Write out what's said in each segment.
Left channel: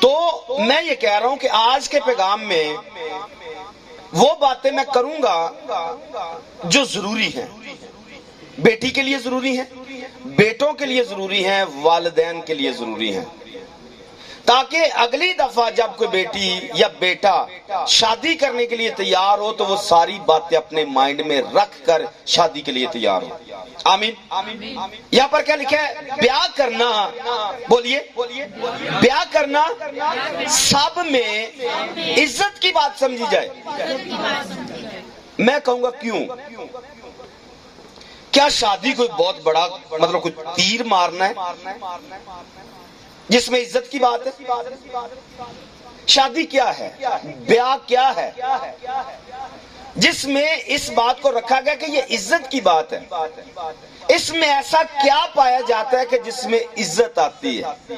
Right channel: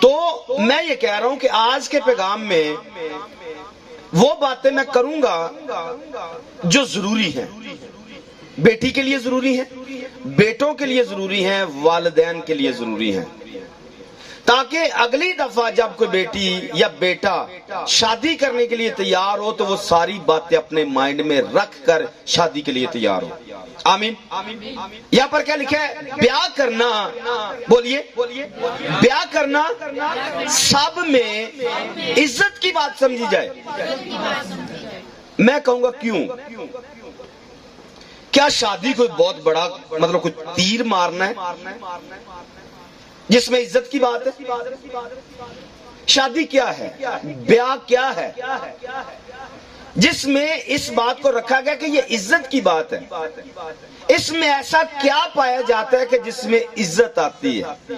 تو میں یہ کہہ رہا ہوں کہ آج کے پیغام میں وہ باتیں میں کروں گا جو ضروری ہیں، بیٹی کے لیے ضروری ہیں، بیٹوں کے لیے ضروری ہیں، والدین کے لیے ضروری ہیں، تاکہ اگلی دفعہ جب کوئی بیٹی یا بیٹا شادی کرنے کے لیے تیار ہو تو وہ ساری باتیں اپنے مائنڈ میں رکھ کر شادی کے لیے تیار ہو۔ آمین۔ یہاں پر کیا لکھا ہے؟ بیاہ کرنا، بولیے، بیاہ کرنا سب میں عزت کی بات سمجھی جائے۔ میں کہوں گا کیوں؟ کیا شادی کوئی بہت بڑا مطلب کوئی تیر مارنا ہے جس میں عزت کی بات ہے؟ شادی کیا ہے؟ بیاہ کیا ہے جس میں اس بات کو رکھا گیا کہ یہ عزت کی بات ہے؟ اس میں ایسا کیا پایا جاتا ہے کہ جس میں عزت آتی ہے؟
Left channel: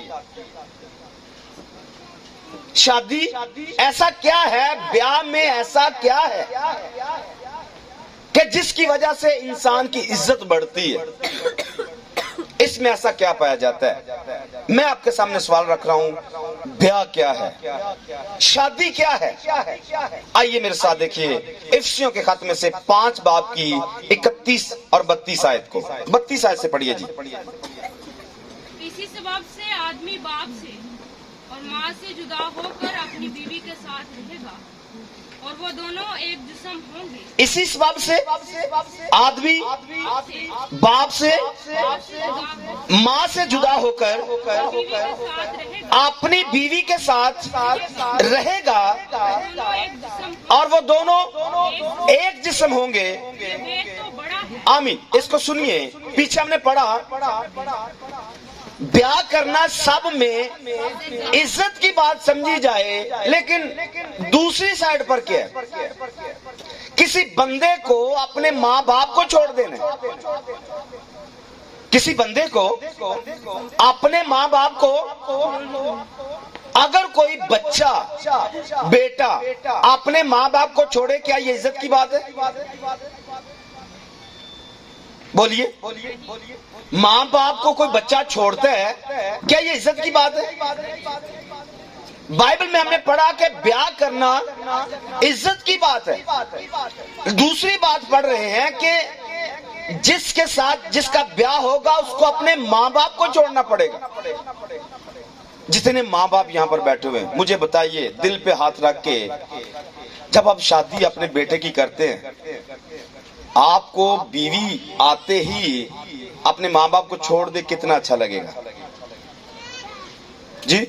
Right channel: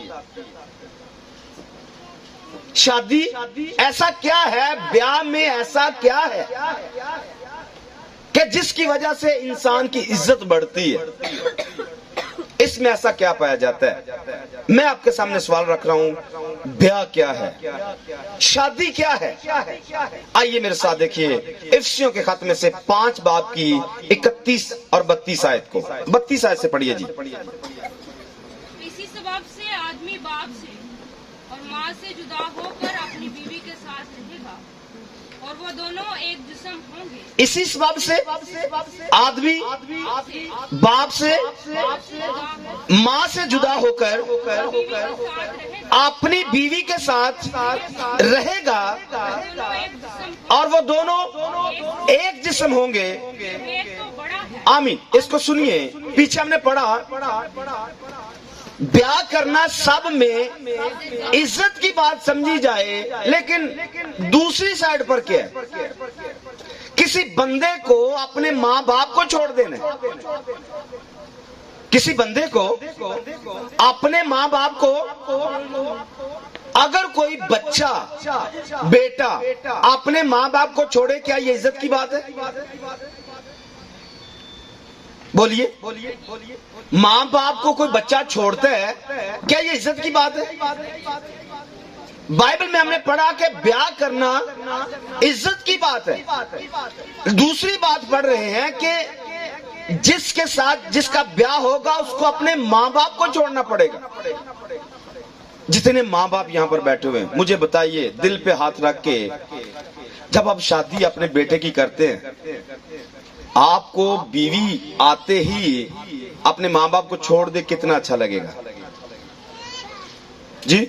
شادی ایسا کیا ہے، بیاہ میں ایسا کیا ہے کہ جس کی وجہ سے انسان کی عزت بڑھتی ہے؟ اس میں ایسا کیا پایا جاتا ہے؟ میں آپ کے سامنے سوال رکھ رہا ہوں، بیاہ کیا ہے، شادی کیا ہے؟ آئیے میرے ساتھ دیکھیے افسیوں کے خط میں سے 5 باب کی 31 اور 32 آیت کو، 32 آیت سے پڑھیے جی۔ اسی سبب سے آدمی باپ سے اور ماں سے جدا ہو کر اپنی بیوی کے ساتھ رہے گا اور وہ دونوں ایک جسم ہوں گے۔ اسی سبب سے آدمی باپ سے ماں سے جدا ہو کر اپنی بیوی کے ساتھ رہے گا اور وہ دونوں ایک جسم ہوں گے۔ آمین۔ اس کو سنیے، پیچھے ہم نے پڑھا بیاہ کرنا سب میں عزت کی بات سمجھی جائے، لیکن دوسری سائڈ پر کیا ہے؟ کسی بندے کو اپنے ماں باپ کو چھوڑ دینا، کسی بندے کو اپنے ماں باپ کو، اگر کوئی بچہ بیٹا اپنے ماں باپ کو چھوڑے، کیا یہ عزت کی بات ہے؟ بولیے، ماں باپ کو کوئی بچہ چھوڑتا ہے، کیا یہ عزت کی بات ہے؟ بائبل میں ہم نے پڑھا کہ بیاہ کرنا عزت کی بات ہے۔ دوسری بات پڑھ رہے ہیں کہ جس کے ساتھ جس کا بیاہ ہوگا اس کو اپنے ماں باپ کو چھوڑنا پڑے گا۔ جتنے ماں باپ یہاں پر بیٹھے ہوئے ہیں، مجھے بتائیے دل پہ ہاتھ رکھ کے، جب آپ شادی اپنے بیٹے کی کرتے ہیں، آپ کو بیوی آتے ہی اپنے ماں باپ کو چھوڑ دے، کتنا اچھا لگے گا؟ جی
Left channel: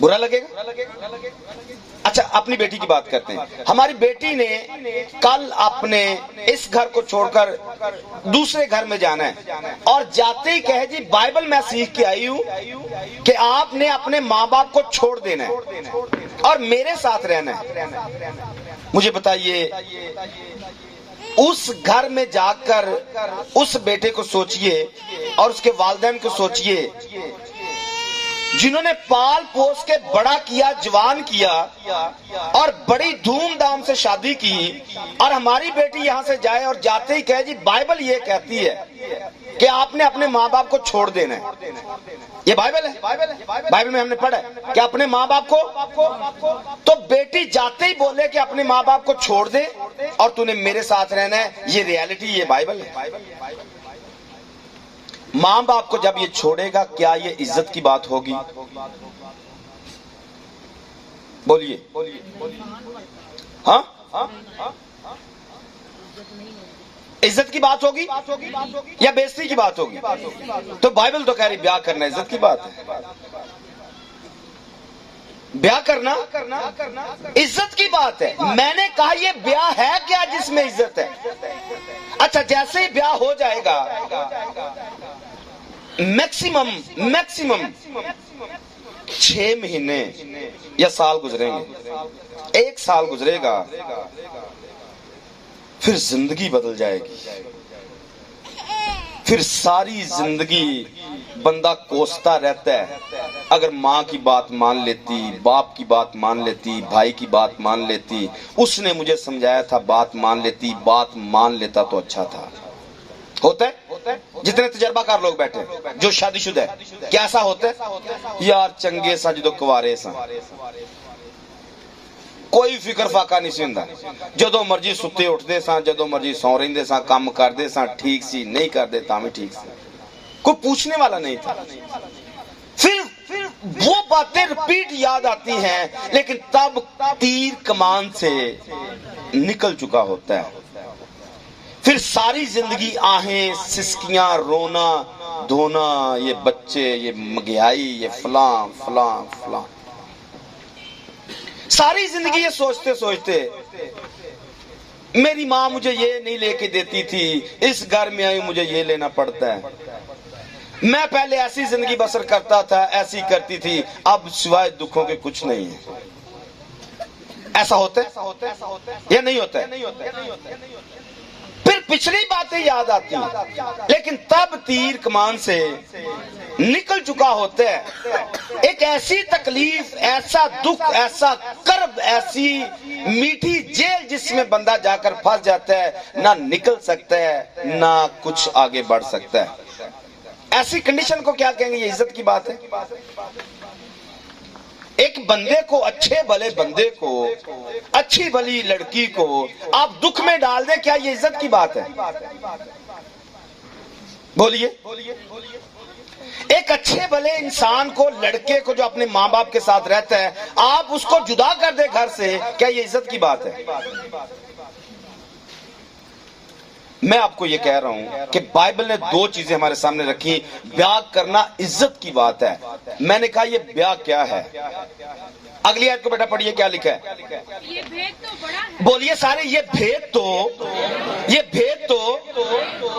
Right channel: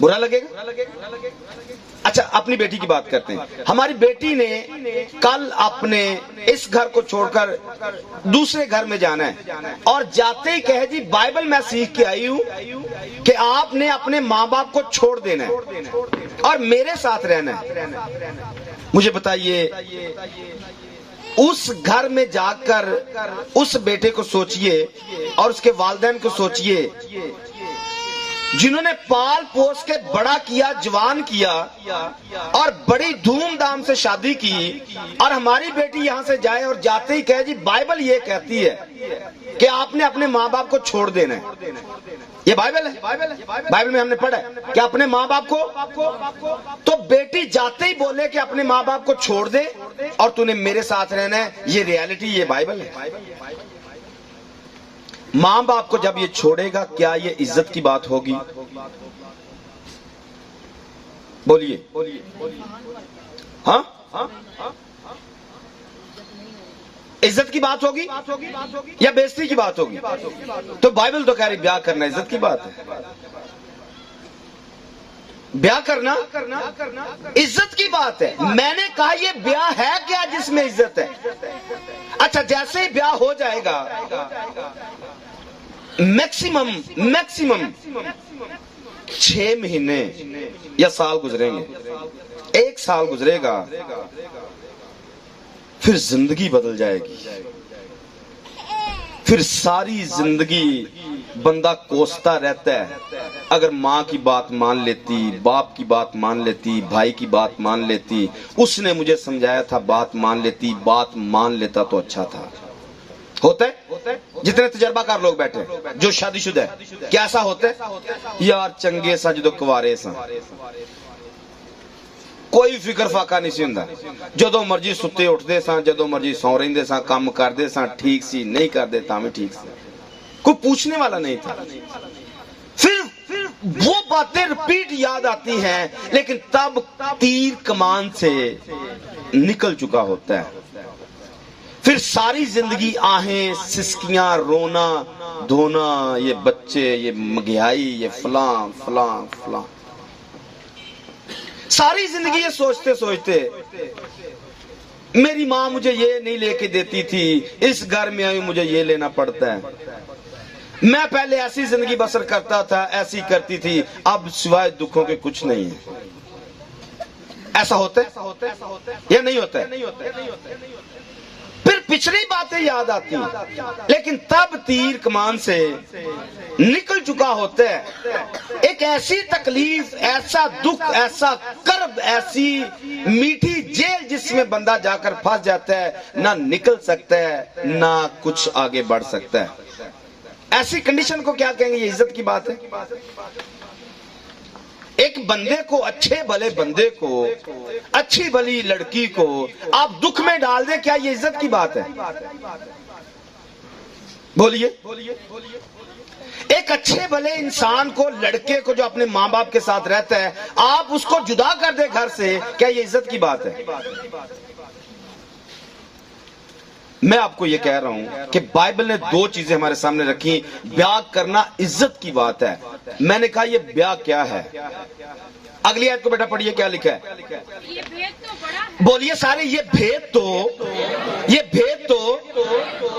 برا لگے گا؟ اچھا اپنی بیٹی کی بات کرتے ہیں۔ ہماری بیٹی نے کل اپنے اس گھر کو چھوڑ کر دوسرے گھر میں جانا ہے اور جاتے ہی کہے جی بائبل میں سیکھ کے آئی ہوں کہ آپ نے اپنے ماں باپ کو چھوڑ دینا ہے اور میرے ساتھ رہنا ہے۔ مجھے بتائیے اس گھر میں جا کر اس بیٹے کو سوچئے اور اس کے والدین کو سوچئے جنہوں نے پال پوس کے بڑا کیا، جوان کیا اور بڑی دھوم دھام سے شادی کی، اور ہماری بیٹی یہاں سے جائے اور جاتے ہی کہے جی بائبل یہ کہتی ہے کہ آپ نے اپنے ماں باپ کو چھوڑ دینا ہے۔ یہ بائبل ہے، بائبل میں ہم نے پڑھا ہے کہ اپنے ماں باپ کو، تو بیٹی جاتے ہی بولے کہ اپنے ماں باپ کو چھوڑ دے اور تو نے میرے ساتھ رہنا ہے۔ یہ ریالٹی، یہ بائبل ہے۔ ماں باپ کو جب یہ چھوڑے گا، کیا یہ عزت کی بات ہوگی؟ بولیے، ہاں عزت کی بات ہوگی یا بے عزتی کی بات ہوگی؟ تو بائبل تو کہہ رہی بیاہ کرنا عزت کی بات ہے۔ بیاہ کرنا عزت کی بات ہے۔ میں نے کہا یہ بیاہ ہے کیا جس میں عزت ہے؟ اچھا جیسے ہی بیاہ ہو جائے گا، میکسیمم 6 مہینے یا سال گزریں گے، 1 سال گزرے گا، پھر زندگی بدل جائے گی۔ پھر ساری زندگی بندہ کوستا رہتا ہے، اگر ماں کی بات مان لیتی، باپ کی بات مان لیتی، بھائی کی بات مان لیتی، اس نے مجھے سمجھایا تھا بات مان لیتی، بات مان لیتا تو اچھا تھا۔ ہوتا ہے؟ جتنے تجربہ کار لوگ بیٹھے جو شادی شدہ ہے کیا ایسا ہوتا ہے؟ یار چنگے سا جدو کوارے سا کوئی فکر فاقہ نہیں سی ہوندا، جدو مرضی ستے اٹھدے ساں، جدو مرضی سو رہندے ساں، کام کردے ساں، ٹھیک سی نہیں کردے تاں بھی ٹھیک سی، کوئی پوچھنے والا نہیں تھا۔ پھر وہ باتیں رپیٹ یاد آتی ہیں، لیکن تب تیر کمان سے نکل چکا ہوتا ہے۔ پھر ساری زندگی آہیں، سسکیاں، رونا دھونا، یہ بچے، یہ مہنگائی، یہ فلاں فلاں فلاں، ساری زندگی یہ سوچتے سوچتے میری ماں مجھے یہ نہیں لے کے دیتی تھی، اس گھر میں آئی مجھے یہ لینا پڑتا ہے، میں پہلے ایسی زندگی بسر کرتا تھا، ایسی کرتی تھی، اب سوائے دکھوں کے کچھ نہیں ہے۔ ایسا ہوتا ہے یا نہیں ہوتا ہے؟ پھر پچھلی باتیں یاد آتی ہیں، لیکن تب تیر کمان سے نکل چکا ہوتا ہے۔ ایک ایسی تکلیف، ایسا دکھ، ایسا کرب، ایسی میٹھی جیل جس میں بندہ جا کر پھنس جاتا ہے، نہ نکل سکتا ہے نہ کچھ آگے بڑھ سکتا ہے۔ ایسی کنڈیشن کو کیا کہیں گے؟ یہ عزت کی بات ہے۔ ایک بندے کو، اچھے بھلے بندے کو، اچھی بھلی لڑکی کو آپ دکھ میں ڈال دیں، کیا یہ عزت کی بات ہے؟ بولیے۔ ایک اچھے بھلے انسان کو، لڑکے کو جو اپنے ماں باپ کے ساتھ رہتا ہے، آپ اس کو جدا کر دیں گھر سے، کیا یہ عزت کی بات ہے؟ میں آپ کو یہ کہہ رہا ہوں کہ بائبل نے دو چیزیں ہمارے سامنے رکھی۔ بیاہ کرنا عزت کی بات ہے۔ میں نے کہا یہ بیاہ کیا ہے؟ اگلی آیت کو بیٹا پڑھیے، کیا لکھا ہے؟ یہ بھید تو بڑا ہے۔ بولیے سارے، یہ بھید تو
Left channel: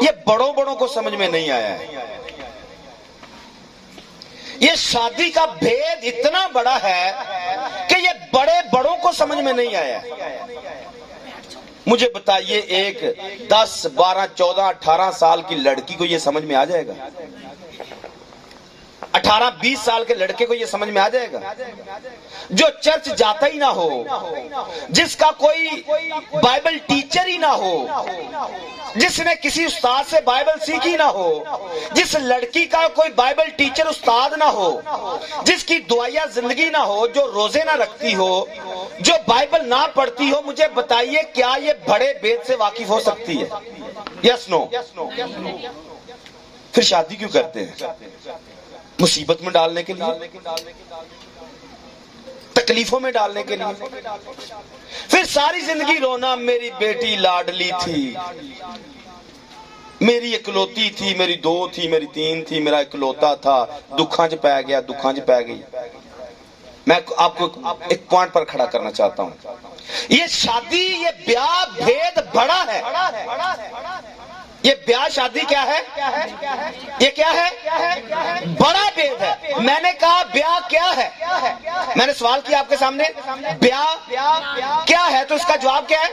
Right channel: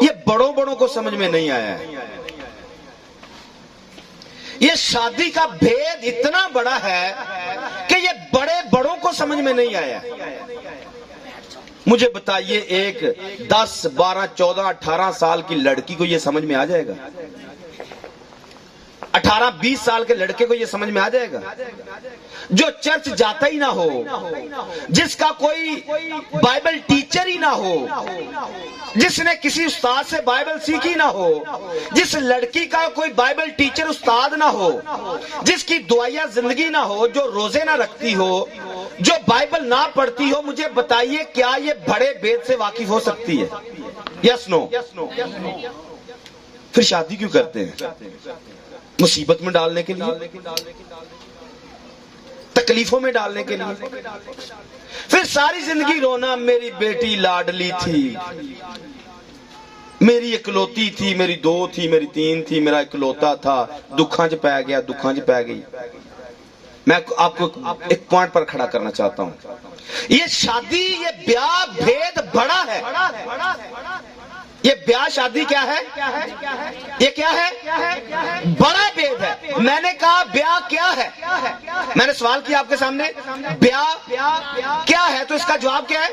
یہ بڑوں بڑوں کو سمجھ میں نہیں آیا ہے۔ یہ شادی کا بھید اتنا بڑا ہے کہ یہ بڑے بڑوں کو سمجھ میں نہیں آیا۔ مجھے بتائیے، ایک 10 12 14 18 سال کی لڑکی کو یہ سمجھ میں آ جائے گا؟ 18 20 سال کے لڑکے کو یہ سمجھ میں آ جائے گا؟ جو چرچ جاتا ہی نہ ہو، جس کا کوئی بائبل ٹیچر ہی نہ ہو، جس نے کسی استاد سے بائبل سیکھی نہ ہو، جس لڑکی کا کوئی بائبل ٹیچر استاد نہ ہو، جس کی دعائیا زندگی نہ ہو، جو روزے نہ رکھتی ہو، جو بائبل نہ پڑھتی ہو، مجھے بتائیے کیا یہ بڑے بید سے واقف ہو سکتی ہے؟ یس نو؟ پھر شادی کیوں کرتے ہیں؟ مصیبت میں ڈالنے کے لیے، تکلیفوں میں ڈالنے کے لیے۔ پھر ساری زندگی رونا، میری بیٹی لاڈلی تھی، میری اکلوتی تھی، میری 2 تھی، میری 3 تھی، میرا اکلوتا تھا، دکھاں چ پی گیا، دکھاں چ پی گئی۔ میں آپ کو ایک پوائنٹ پر کھڑا کرنا چاہتا ہوں، یہ شادی، یہ بیاہ بھید بڑا ہے۔ یہ بیاہ شادی کیا ہے؟ یہ کیا ہے؟ بڑا بھید ہے۔ میں نے کہا بیاہ کیا ہے؟ میں نے سوال کیا آپ کے سامنے، بیاہ کیا ہے؟ تو اس کا جواب کیا ہے؟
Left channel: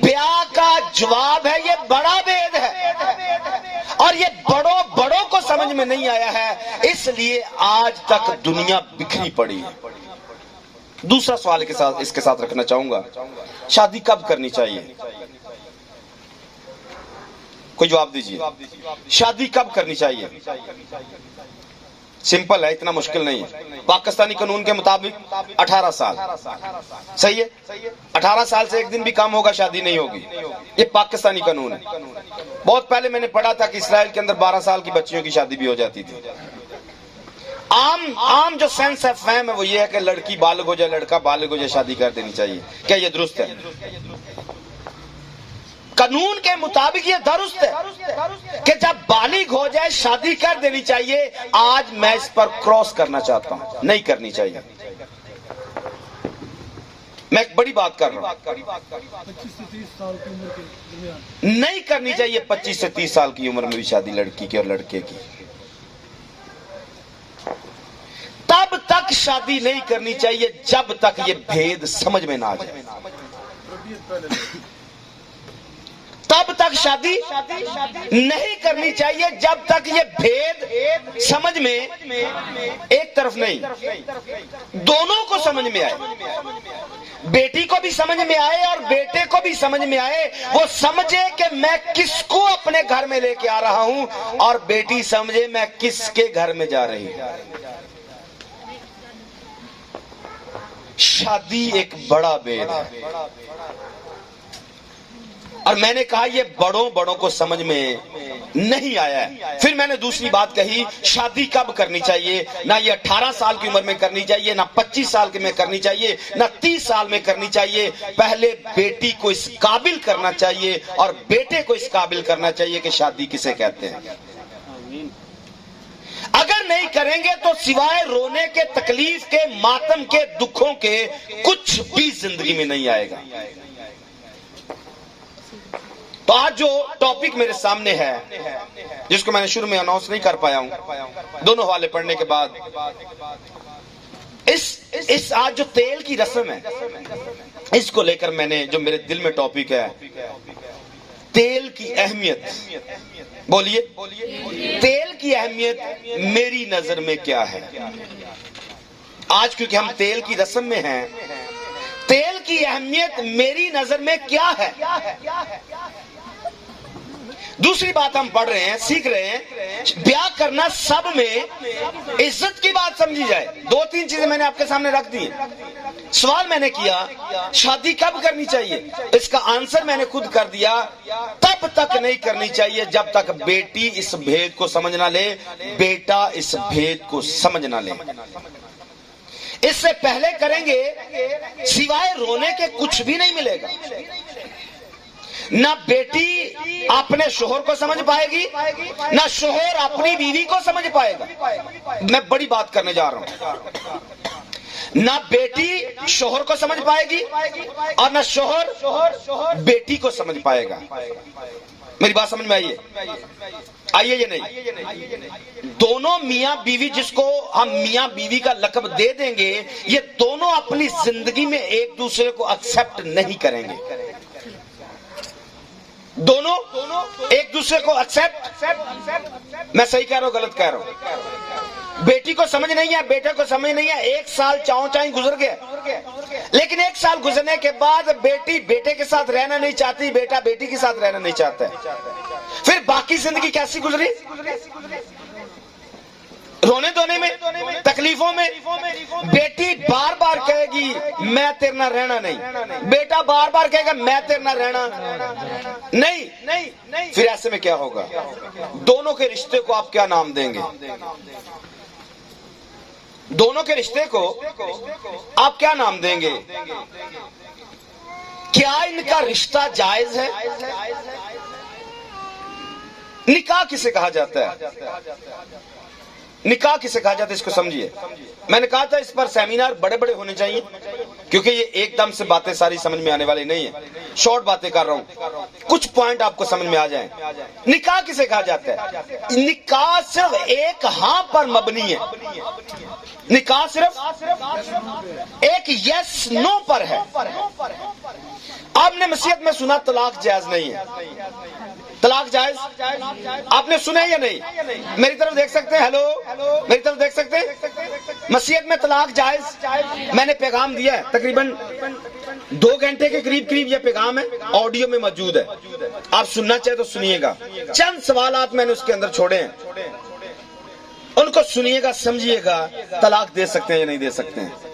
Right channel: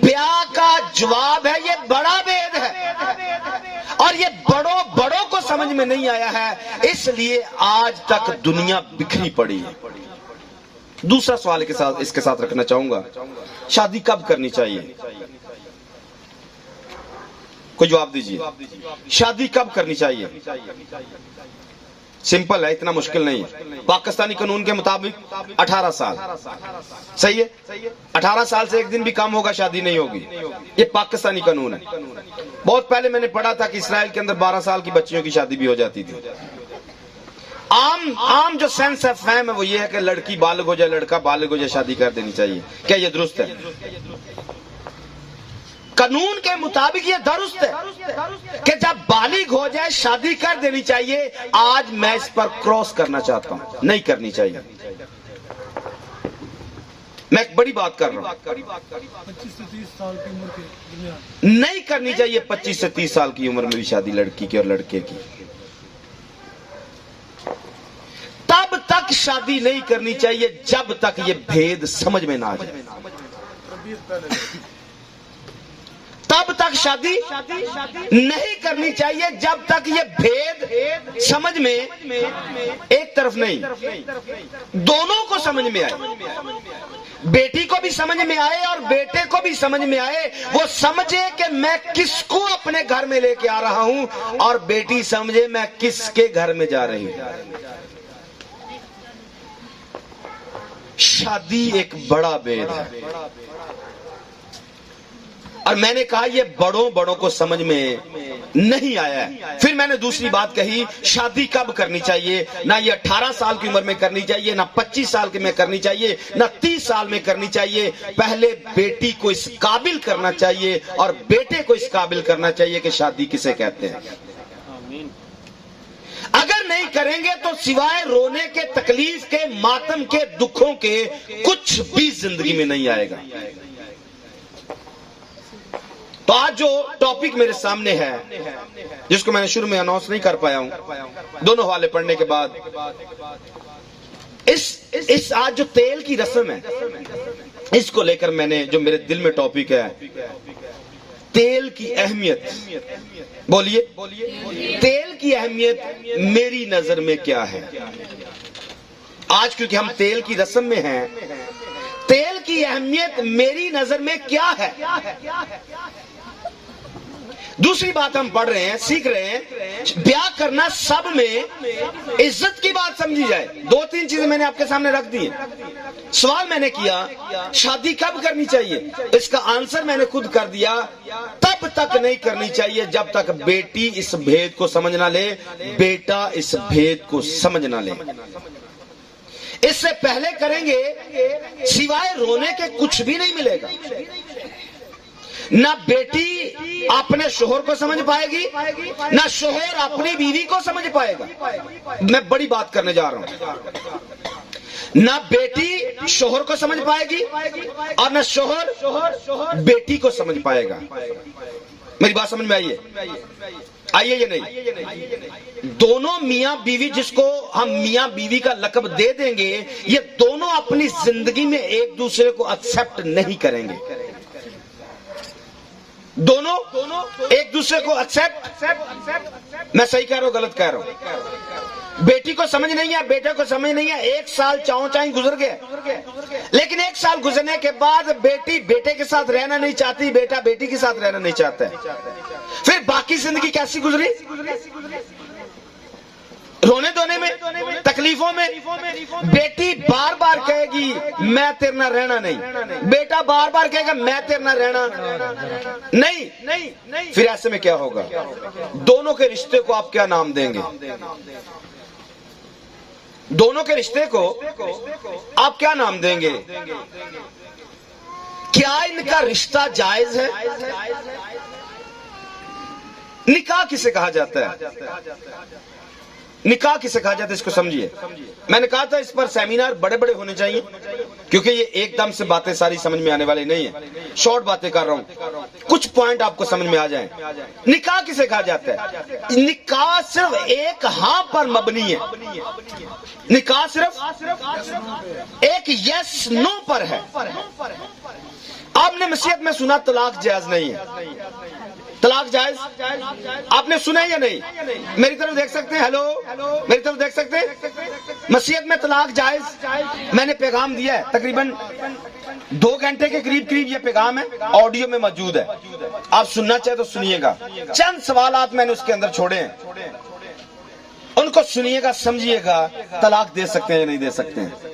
بیاہ کا جواب ہے یہ بڑا بھید ہے، اور یہ بڑوں کو سمجھ میں نہیں آیا ہے، اس لیے آج تک دنیا بکھری پڑی ہے۔ دوسرا سوال اس کے ساتھ رکھنا چاہوں گا، شادی کب کرنی چاہیے؟ کوئی جواب دیجیے، شادی کب کرنی چاہیے؟ سمپل ہے، اتنا مشکل نہیں ہے۔ پاکستانی قانون کے مطابق 18 سال، صحیح ہے؟ 18 سال سے ایک دن بھی کم ہوگا شادی نہیں ہوگی، یہ پاکستانی قانون ہے۔ بہت پہلے میں نے پڑھا تھا کہ اسرائیل کے اندر 12 سال کی بچیوں کی شادی بھی ہو جاتی تھی۔ عام جو سینس آف فہم ہے وہ یہ ہے کہ لڑکی بالغ ہو جائے، لڑکا بالغ ہو جائے، شادی کر دینی چاہیے۔ کیا یہ درست ہے؟ قانون کے مطابق یہ درست ہے کہ جب بالغ ہو جائے شادی کر دینی چاہیے۔ آج میں اس پر کراس کرنا چاہتا ہوں، نہیں کرنی چاہیے۔ میں ایک بڑی بات کر رہا ہوں، 25 سے 30 سال کی عمر کے درمیان نہیں کرنی چاہیے 25 سے 30 سال کی عمر میں بھی شادی لڑکی کی اور لڑکے کی۔ تب تک شادی نہیں کرنی چاہیے جب تک یہ بھید سمجھ میں نہ آ جائے۔ تب تک شادی نہیں کرنی چاہیے جب تک یہ بھید سمجھ میں ایک طرف نہیں، دونوں کو سمجھ میں آئے۔ بیٹی کو بھی سمجھ میں آئے اور بیٹے کو بھی سمجھ میں آئے، وہ سمجھے کہ میں کس کو اپنے گھر میں لے کے آ رہا ہوں، اور بیٹی سمجھے میں کس کے گھر میں جا رہی ہوں۔ شادی ایک بڑا بید ہے، اور میں نے کہا یہ بڑوں کو سمجھ میں نہیں آیا ہے۔ پھر میں نے دوسری بات کہی، شادی کب کرنی چاہیے؟ نہ یہ 18 سال کی عمر میں کرنی چاہیے، نہ 25 سال میں کرنی چاہیے، نہ 30 سال میں کرنی چاہیے۔ پہلے بیٹی کو اس قابل کرنا چاہیے اور بیٹے کو اس قابل کرنا چاہیے کہ شادی کسے کہتے ہیں۔ اگر نہیں کریں گے تو سوائے رونے کے، تکلیف کے، ماتم کے، دکھوں کے کچھ بھی زندگی میں نہیں آئے گا۔ تو آج جو ٹاپک میرے سامنے ہے، جس کو میں نے شروع میں اناؤنس نہیں کر پایا ہوں، دونوں حوالے پڑھنے کے بعد، اس آج جو تیل کی رسم ہے، اس کو لے کر میں نے جو میرے دل میں ٹاپک ہے، تیل کی اہمیت۔ بولیے، تیل کی اہمیت میری نظر میں کیا ہے؟ آج کیونکہ ہم تیل کی رسم میں ہیں، تیل کی اہمیت میری نظر میں کیا ہے؟ دوسری بات ہم پڑھ رہے ہیں، سیکھ رہے ہیں، بیاہ کرنا سب میں عزت کی بات سمجھی جائے۔ 2-3 چیزیں میں نے آپ کے سامنے رکھ دی۔ سوال میں نے کیا، شادی کب کرنی چاہیے؟ اس کا آنسر میں نے خود کر دیا، تب تک نہیں کرنی چاہیے جب تک بیٹی اس بھید کو سمجھ نہ لے، بیٹا اس بھید کو سمجھ نہ لے۔ اس سے پہلے کریں گے سوائے رونے کے کچھ بھی نہیں ملے گا۔ نہ بیٹی اپنے شوہر کو سمجھ پائے گی، نہ شوہر اپنی بیوی کو سمجھ پائے گا۔ میں بڑی بات کرنے جا رہا ہوں۔ نہ بیٹی شوہر کو سمجھ پائے گی اور نہ شوہر بیٹی کو سمجھ پائے گا۔ میری بات سمجھ میں آئیے یا نہیں؟ دونوں میاں بیوی، جس کو ہم میاں بیوی کا لقب دے دیں گے، یہ دونوں اپنی زندگی میں ایک دوسرے کو ایکسپٹ نہیں کریں گے۔ دونوں ایک دوسرے کو ایکسپٹ، میں صحیح کہہ رہا ہوں غلط کہہ رہا ہوں؟ بیٹی کو سمجھ نہیں ہے، بیٹے کو سمجھ نہیں ہے۔ 1 سال چاہیں گزر گیا، لیکن 1 سال گزرنے کے بعد بیٹی بیٹے کے ساتھ رہنا نہیں چاہتی، بیٹا بیٹی کے ساتھ رہنا نہیں چاہتا ہے۔ پھر باقی زندگی کیسی گزری؟ رونے دھونے میں، تکلیفوں میں۔ بیٹی بار بار کہے گی میں تیرے نہ رہنا نہیں، بیٹا بار بار کہے گا میں تیرے نہ رہنا نہیں۔ پھر ایسے میں کیا ہوگا؟ دونوں کے رشتے کو آپ کیا نام دیں گے؟ دونوں کے رشتے کو آپ کیا نام دیں گے؟ کیا ان کا رشتہ جائز ہے؟ نکاح کسے کہا جاتا ہے؟ نکاح کسے کہا جاتا ہے اس کو سمجھیے۔ میں نے کہا تھا اس پر سیمینار بڑے بڑے ہونے چاہیے، کیونکہ یہ ایک دم سے باتیں ساری سمجھ میں آنے والی نہیں ہیں۔ شارٹ باتیں کر رہا ہوں، کچھ پوائنٹ آپ کو سمجھ میں آ جائیں۔ نکاح کسے کہا جاتا ہے؟ نکاح صرف ایک ہاں پر مبنی ہے۔ نکاح صرف ایک یس نو پر ہے۔ آپ نے مسیحیت میں سنا طلاق جائز نہیں ہے۔ طلاق جائز آپ نے سنا یا نہیں؟ میری طرف دیکھ سکتے ہیں؟ ہیلو، میری طرف دیکھ سکتے ہیں؟ مسیحیت میں طلاق جائز، میں نے پیغام دیا ہے، تقریباً 2 گھنٹے کے قریب یہ پیغام ہے، آڈیو میں موجود ہے، آپ سننا چاہے تو سنیے گا۔ چند سوالات میں نے اس کے اندر چھوڑے ہیں، ان کو سنیے گا، سمجھیے گا، طلاق دے سکتے ہیں یا نہیں دے سکتے ہیں۔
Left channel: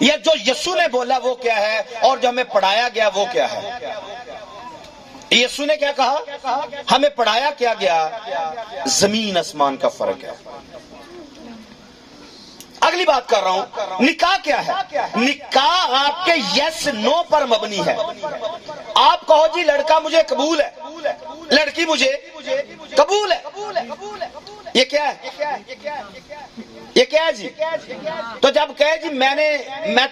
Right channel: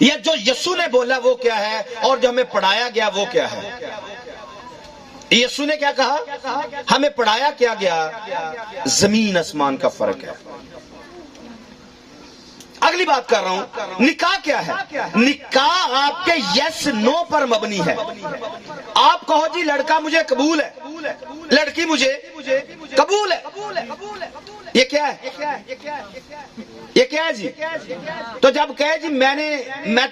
یہ جو یسوع نے بولا وہ کیا ہے، اور جو ہمیں پڑھایا گیا وہ کیا ہے؟ یسوع نے کیا کہا، ہمیں پڑھایا کیا گیا، زمین آسمان کا فرق ہے۔ اگلی بات کر رہا ہوں، نکاح کیا ہے؟ نکاح آپ کے یس نو پر مبنی ہے۔ آپ کہو جی لڑکا مجھے قبول ہے، لڑکی مجھے قبول ہے، یہ کیا ہے؟ یہ کیا ہے جی؟ تو جب کہے جی میں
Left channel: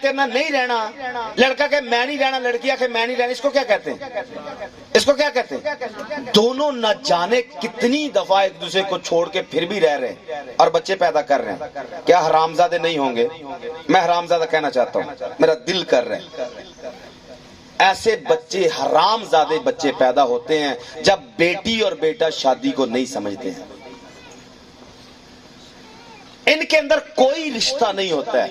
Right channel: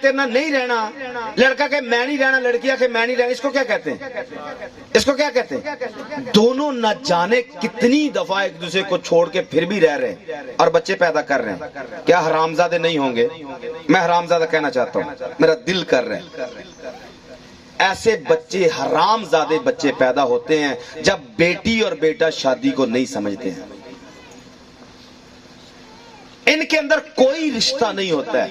تیرے نہ نہیں رہنا، لڑکا کہ میں نہیں رہنا، لڑکیاں کہ میں نہیں رہنا، اس کو کیا کہتے ہیں؟ اس کو کیا کہتے ہیں؟ دونوں نہ جانے کتنی دفعہ ایک دوسرے کو چھوڑ کے پھر بھی رہ رہے ہیں اور بچے پیدا کر رہے ہیں۔ کیا حرامزادے نہیں ہوں گے؟ میں حرامزادہ کہنا چاہتا ہوں، میرا دل کر رہا ہے۔ ایسے بچے، حرام زادے بچے پیدا ہوتے ہیں جب بیٹی اور بیٹا شادی کو نہیں سمجھتے ہیں۔ ان کے اندر کوئی رشتہ نہیں ہوتا ہے۔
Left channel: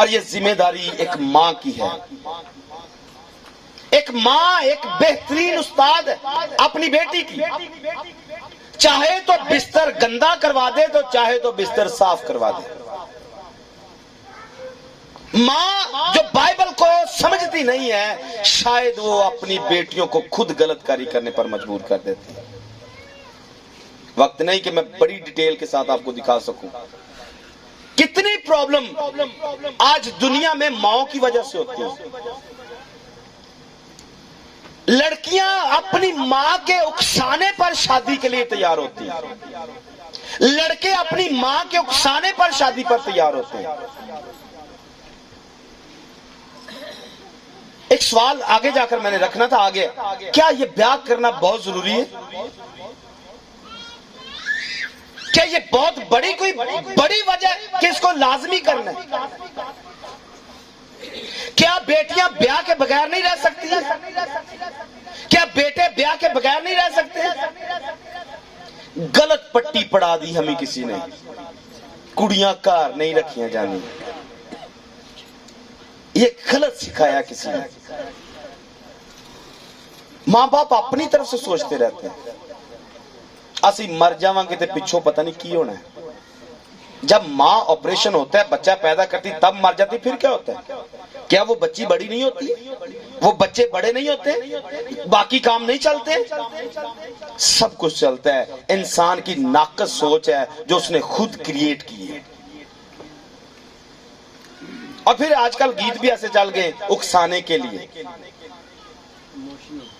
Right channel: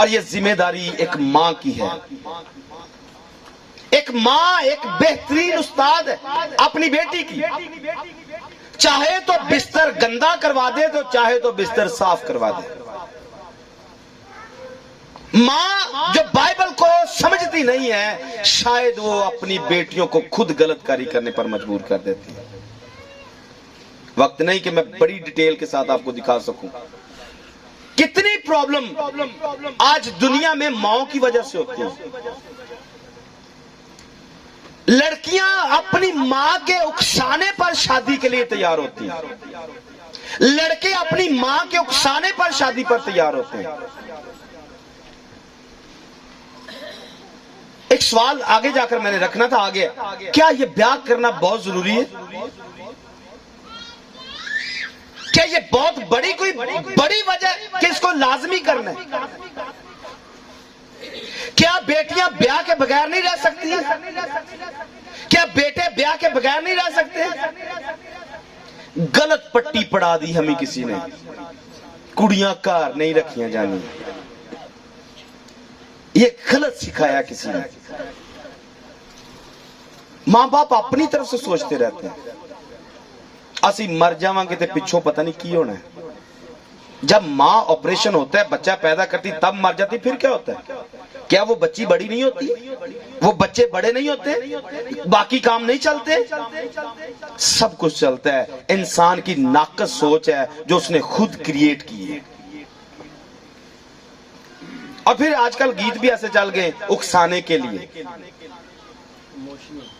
اور یہ ذمہ داری ایک ماں کی ہے. ایک ماں ایک بہترین استاد ہے اپنی بیٹی کی. چاہے تو بستر گندا کروا دے تو چاہے تو بستر صاف کروا دے. ماں جو بائبل کو سمجھتی نہیں ہے شاید وہ اپنی بیٹیوں کو خود غلط کاری کرنے پر مجبور کر دیتی ہے. وقت نہیں کہ میں بڑی ڈیٹیل کے ساتھ آپ کو دکھا سکوں کتنی پرابلم آج دنیا میں ماؤں کی وجہ سے ہوتی ہیں. لڑکیاں اپنی ماں کے اکسانے پر شادی کے لیے تیار ہوتی ہیں. لڑکے اپنی ماں کے اکسانے پر شادی پر تیار ہوتے ہیں. ایک سوال آگے جا کر میں نے رکھنا تھا آگے. کیا یہ بیاہ کرنا بہت ضروری ہے؟ کیا یہ بہت بڑی کوئی بڑی وجہ کہ اس کو لازمی کرنا ہے؟ کیا بیٹیاں بیاہ کے بغیر نہیں رہ سکتی ہیں؟ کیا بیٹے بیاہ کے بغیر نہیں رہ سکتے ہیں؟ غلط پٹی پڑا دی ہمیں کسی نے. کڑیاں کار نہیں رکھیاں جانی یہ غلط سکھایا کسی نے. ماں باپ اپنی طرف سے سوچتے رہتے ہیں اسی مر جاواں گے تے پچھوں پتہ نہیں کی ہونا ہے. جب ماں آپریشن ہوتا ہے بچہ پیدا کرتی تب مر جاتی پھر کیا ہوتا ہے؟ کیا وہ بچی بڑی نہیں ہوتی؟ وہ بچے بڑے نہیں ہوتے؟ باقی کام نہیں چلتے؟ سب کچھ چلتا ہے. انسان کی ناقص سوچ ہے جو اس نے خود کریٹ کی ہے. اور پھر آج کل گیت بھی ایسے چل گئے اکسانے کے لیے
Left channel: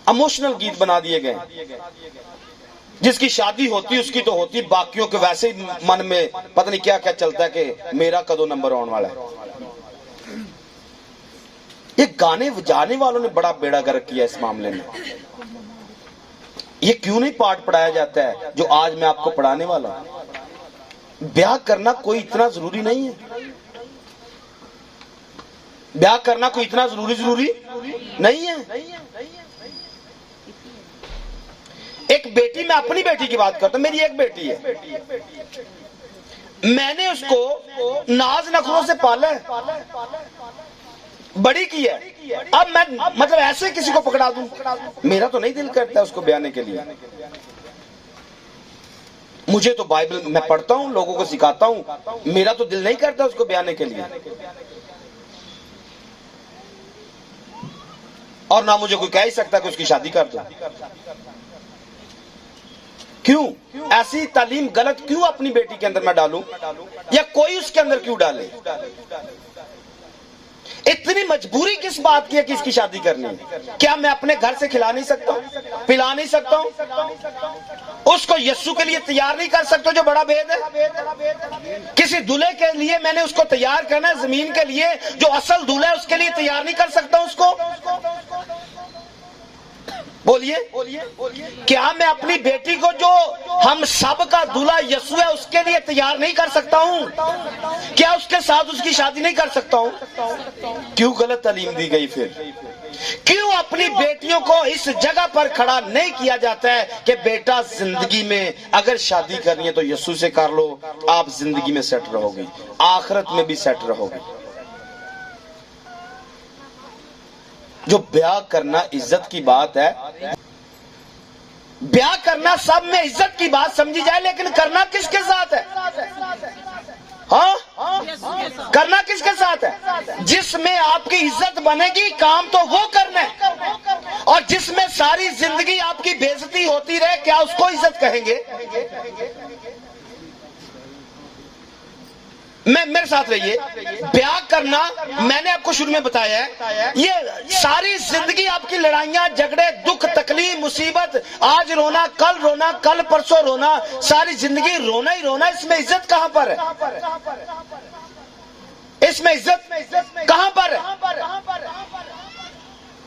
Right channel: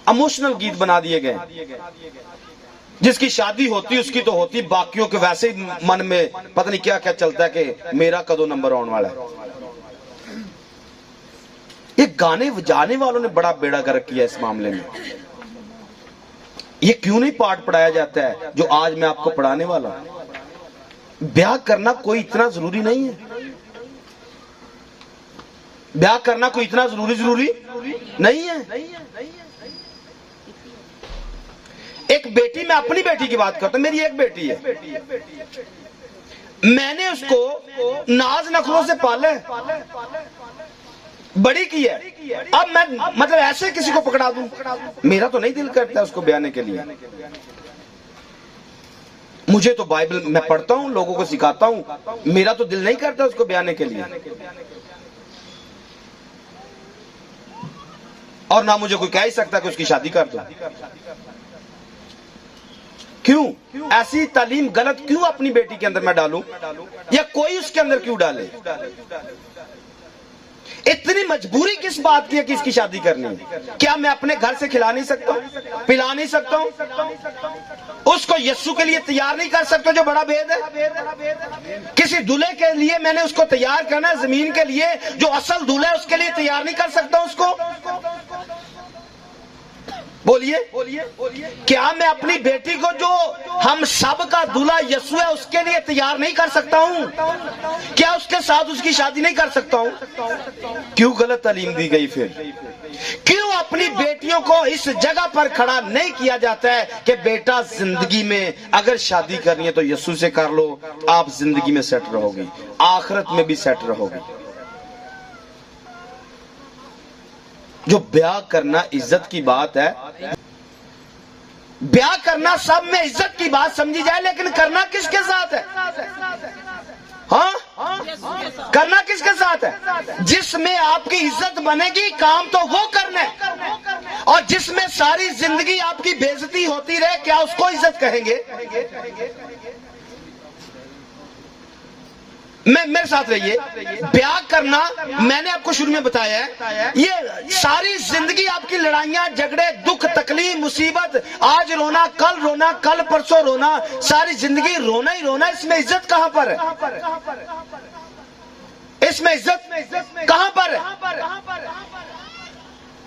ایموشنل گیت بنا دیے گئے. جس کی شادی ہوتی اس کی تو ہوتی باقیوں کے ویسے ہی من میں پتہ نہیں کیا کیا چلتا ہے کہ میرا کدو نمبر آنے والا ہے. یہ گانے بجانے والوں نے بڑا بیڑا گرک کیا اس معاملے میں. یہ کیوں نہیں پاٹ پڑھایا جاتا ہے جو آج میں آپ کو پڑھانے والا ہوں؟ بیاہ کرنا کوئی اتنا ضروری نہیں ہے. بیاہ کرنا کوئی اتنا ضروری نہیں ہے. ایک بیٹی میں اپنی بیٹی کی بات کرتا ہوں. میری ایک بیٹی ہے. میں نے اس کو ناز نخلوں سے پالا ہے بڑی کی ہے. اب میں مطلب ایسے کسی کو پکڑا دوں میرا تو نہیں دل کرتا اس کو بیانے کے لیے. مجھے تو بائبل میں پڑھتا ہوں لوگوں کو سکھاتا ہوں میرا تو دل نہیں کرتا اس کو بیانے کے لیے. اور نہ مجھے کوئی کہہ ہی سکتا کہ اس کی شادی کر دو. کیوں ایسی تعلیم غلط کیوں اپنی بیٹی کے اندر میں ڈالوں یا کوئی اس کے اندر کیوں ڈالے؟ اتنی مجبوری کس بات کی ہے کہ اس کی شادی کرنی ہے؟ کیا میں اپنے گھر سے کھلا نہیں سکتا ہوں پلا نہیں سکتا ہوں؟ اس کو یسوع کے لیے تیار نہیں کر سکتا جو بڑا بید ہے؟ کسی دولہے کے لیے میں نے اس کو تیار کرنا زمین کے لیے جو اصل دولہا ہے اس کے لیے تیار نہیں کر سکتا اس کو؟ بولیے کیا میں اپنی بیٹی کو جو ہم سب کا دولہا یسوع ہے اس کے لیے تیار نہیں کر سکتا ہوں؟ کیا اس کے ساتھ اس کی شادی نہیں کر سکتا ہوں؟ کیوں غلط تعلیم دی گئی؟ پھر کیوں اپنی بیٹیوں کو اس جگہ پر کھڑا نہیں کیا جاتا ہے کہ بیٹا زندگی میں اگر شادی کرنی ہے تو یسوع سے کر لو آپ زندگی میں سیٹ رہو گی آخرت میں بھی سیٹ رہو گی. جو بیاہ کرنا عزت کی بات ہے بیاہ کرنا سب میں عزت کی بات سمجھی جائے لیکن کرنا کس کے ساتھ ہے؟ ہاں کرنا کس کے ساتھ ہے؟ جس میں آپ کی عزت بنے گی کام تو وہ کرنا ہے اور جس میں ساری زندگی آپ کی بے عزتی ہوتی رہے کیا اس کو عزت کہیں گے؟ میرے ساتھ رہیے. بیاہ کرنا میں نے آپ کو شروع میں بتایا ہے یہ ساری زندگی آپ کی لڑائیاں جھگڑے دکھ تکلیف مصیبت آج رونا کل پرسوں رونا ساری زندگی رونا ہی رونا. اس میں عزت کہاں پر ہے؟ اس میں عزت کہاں پر ہے؟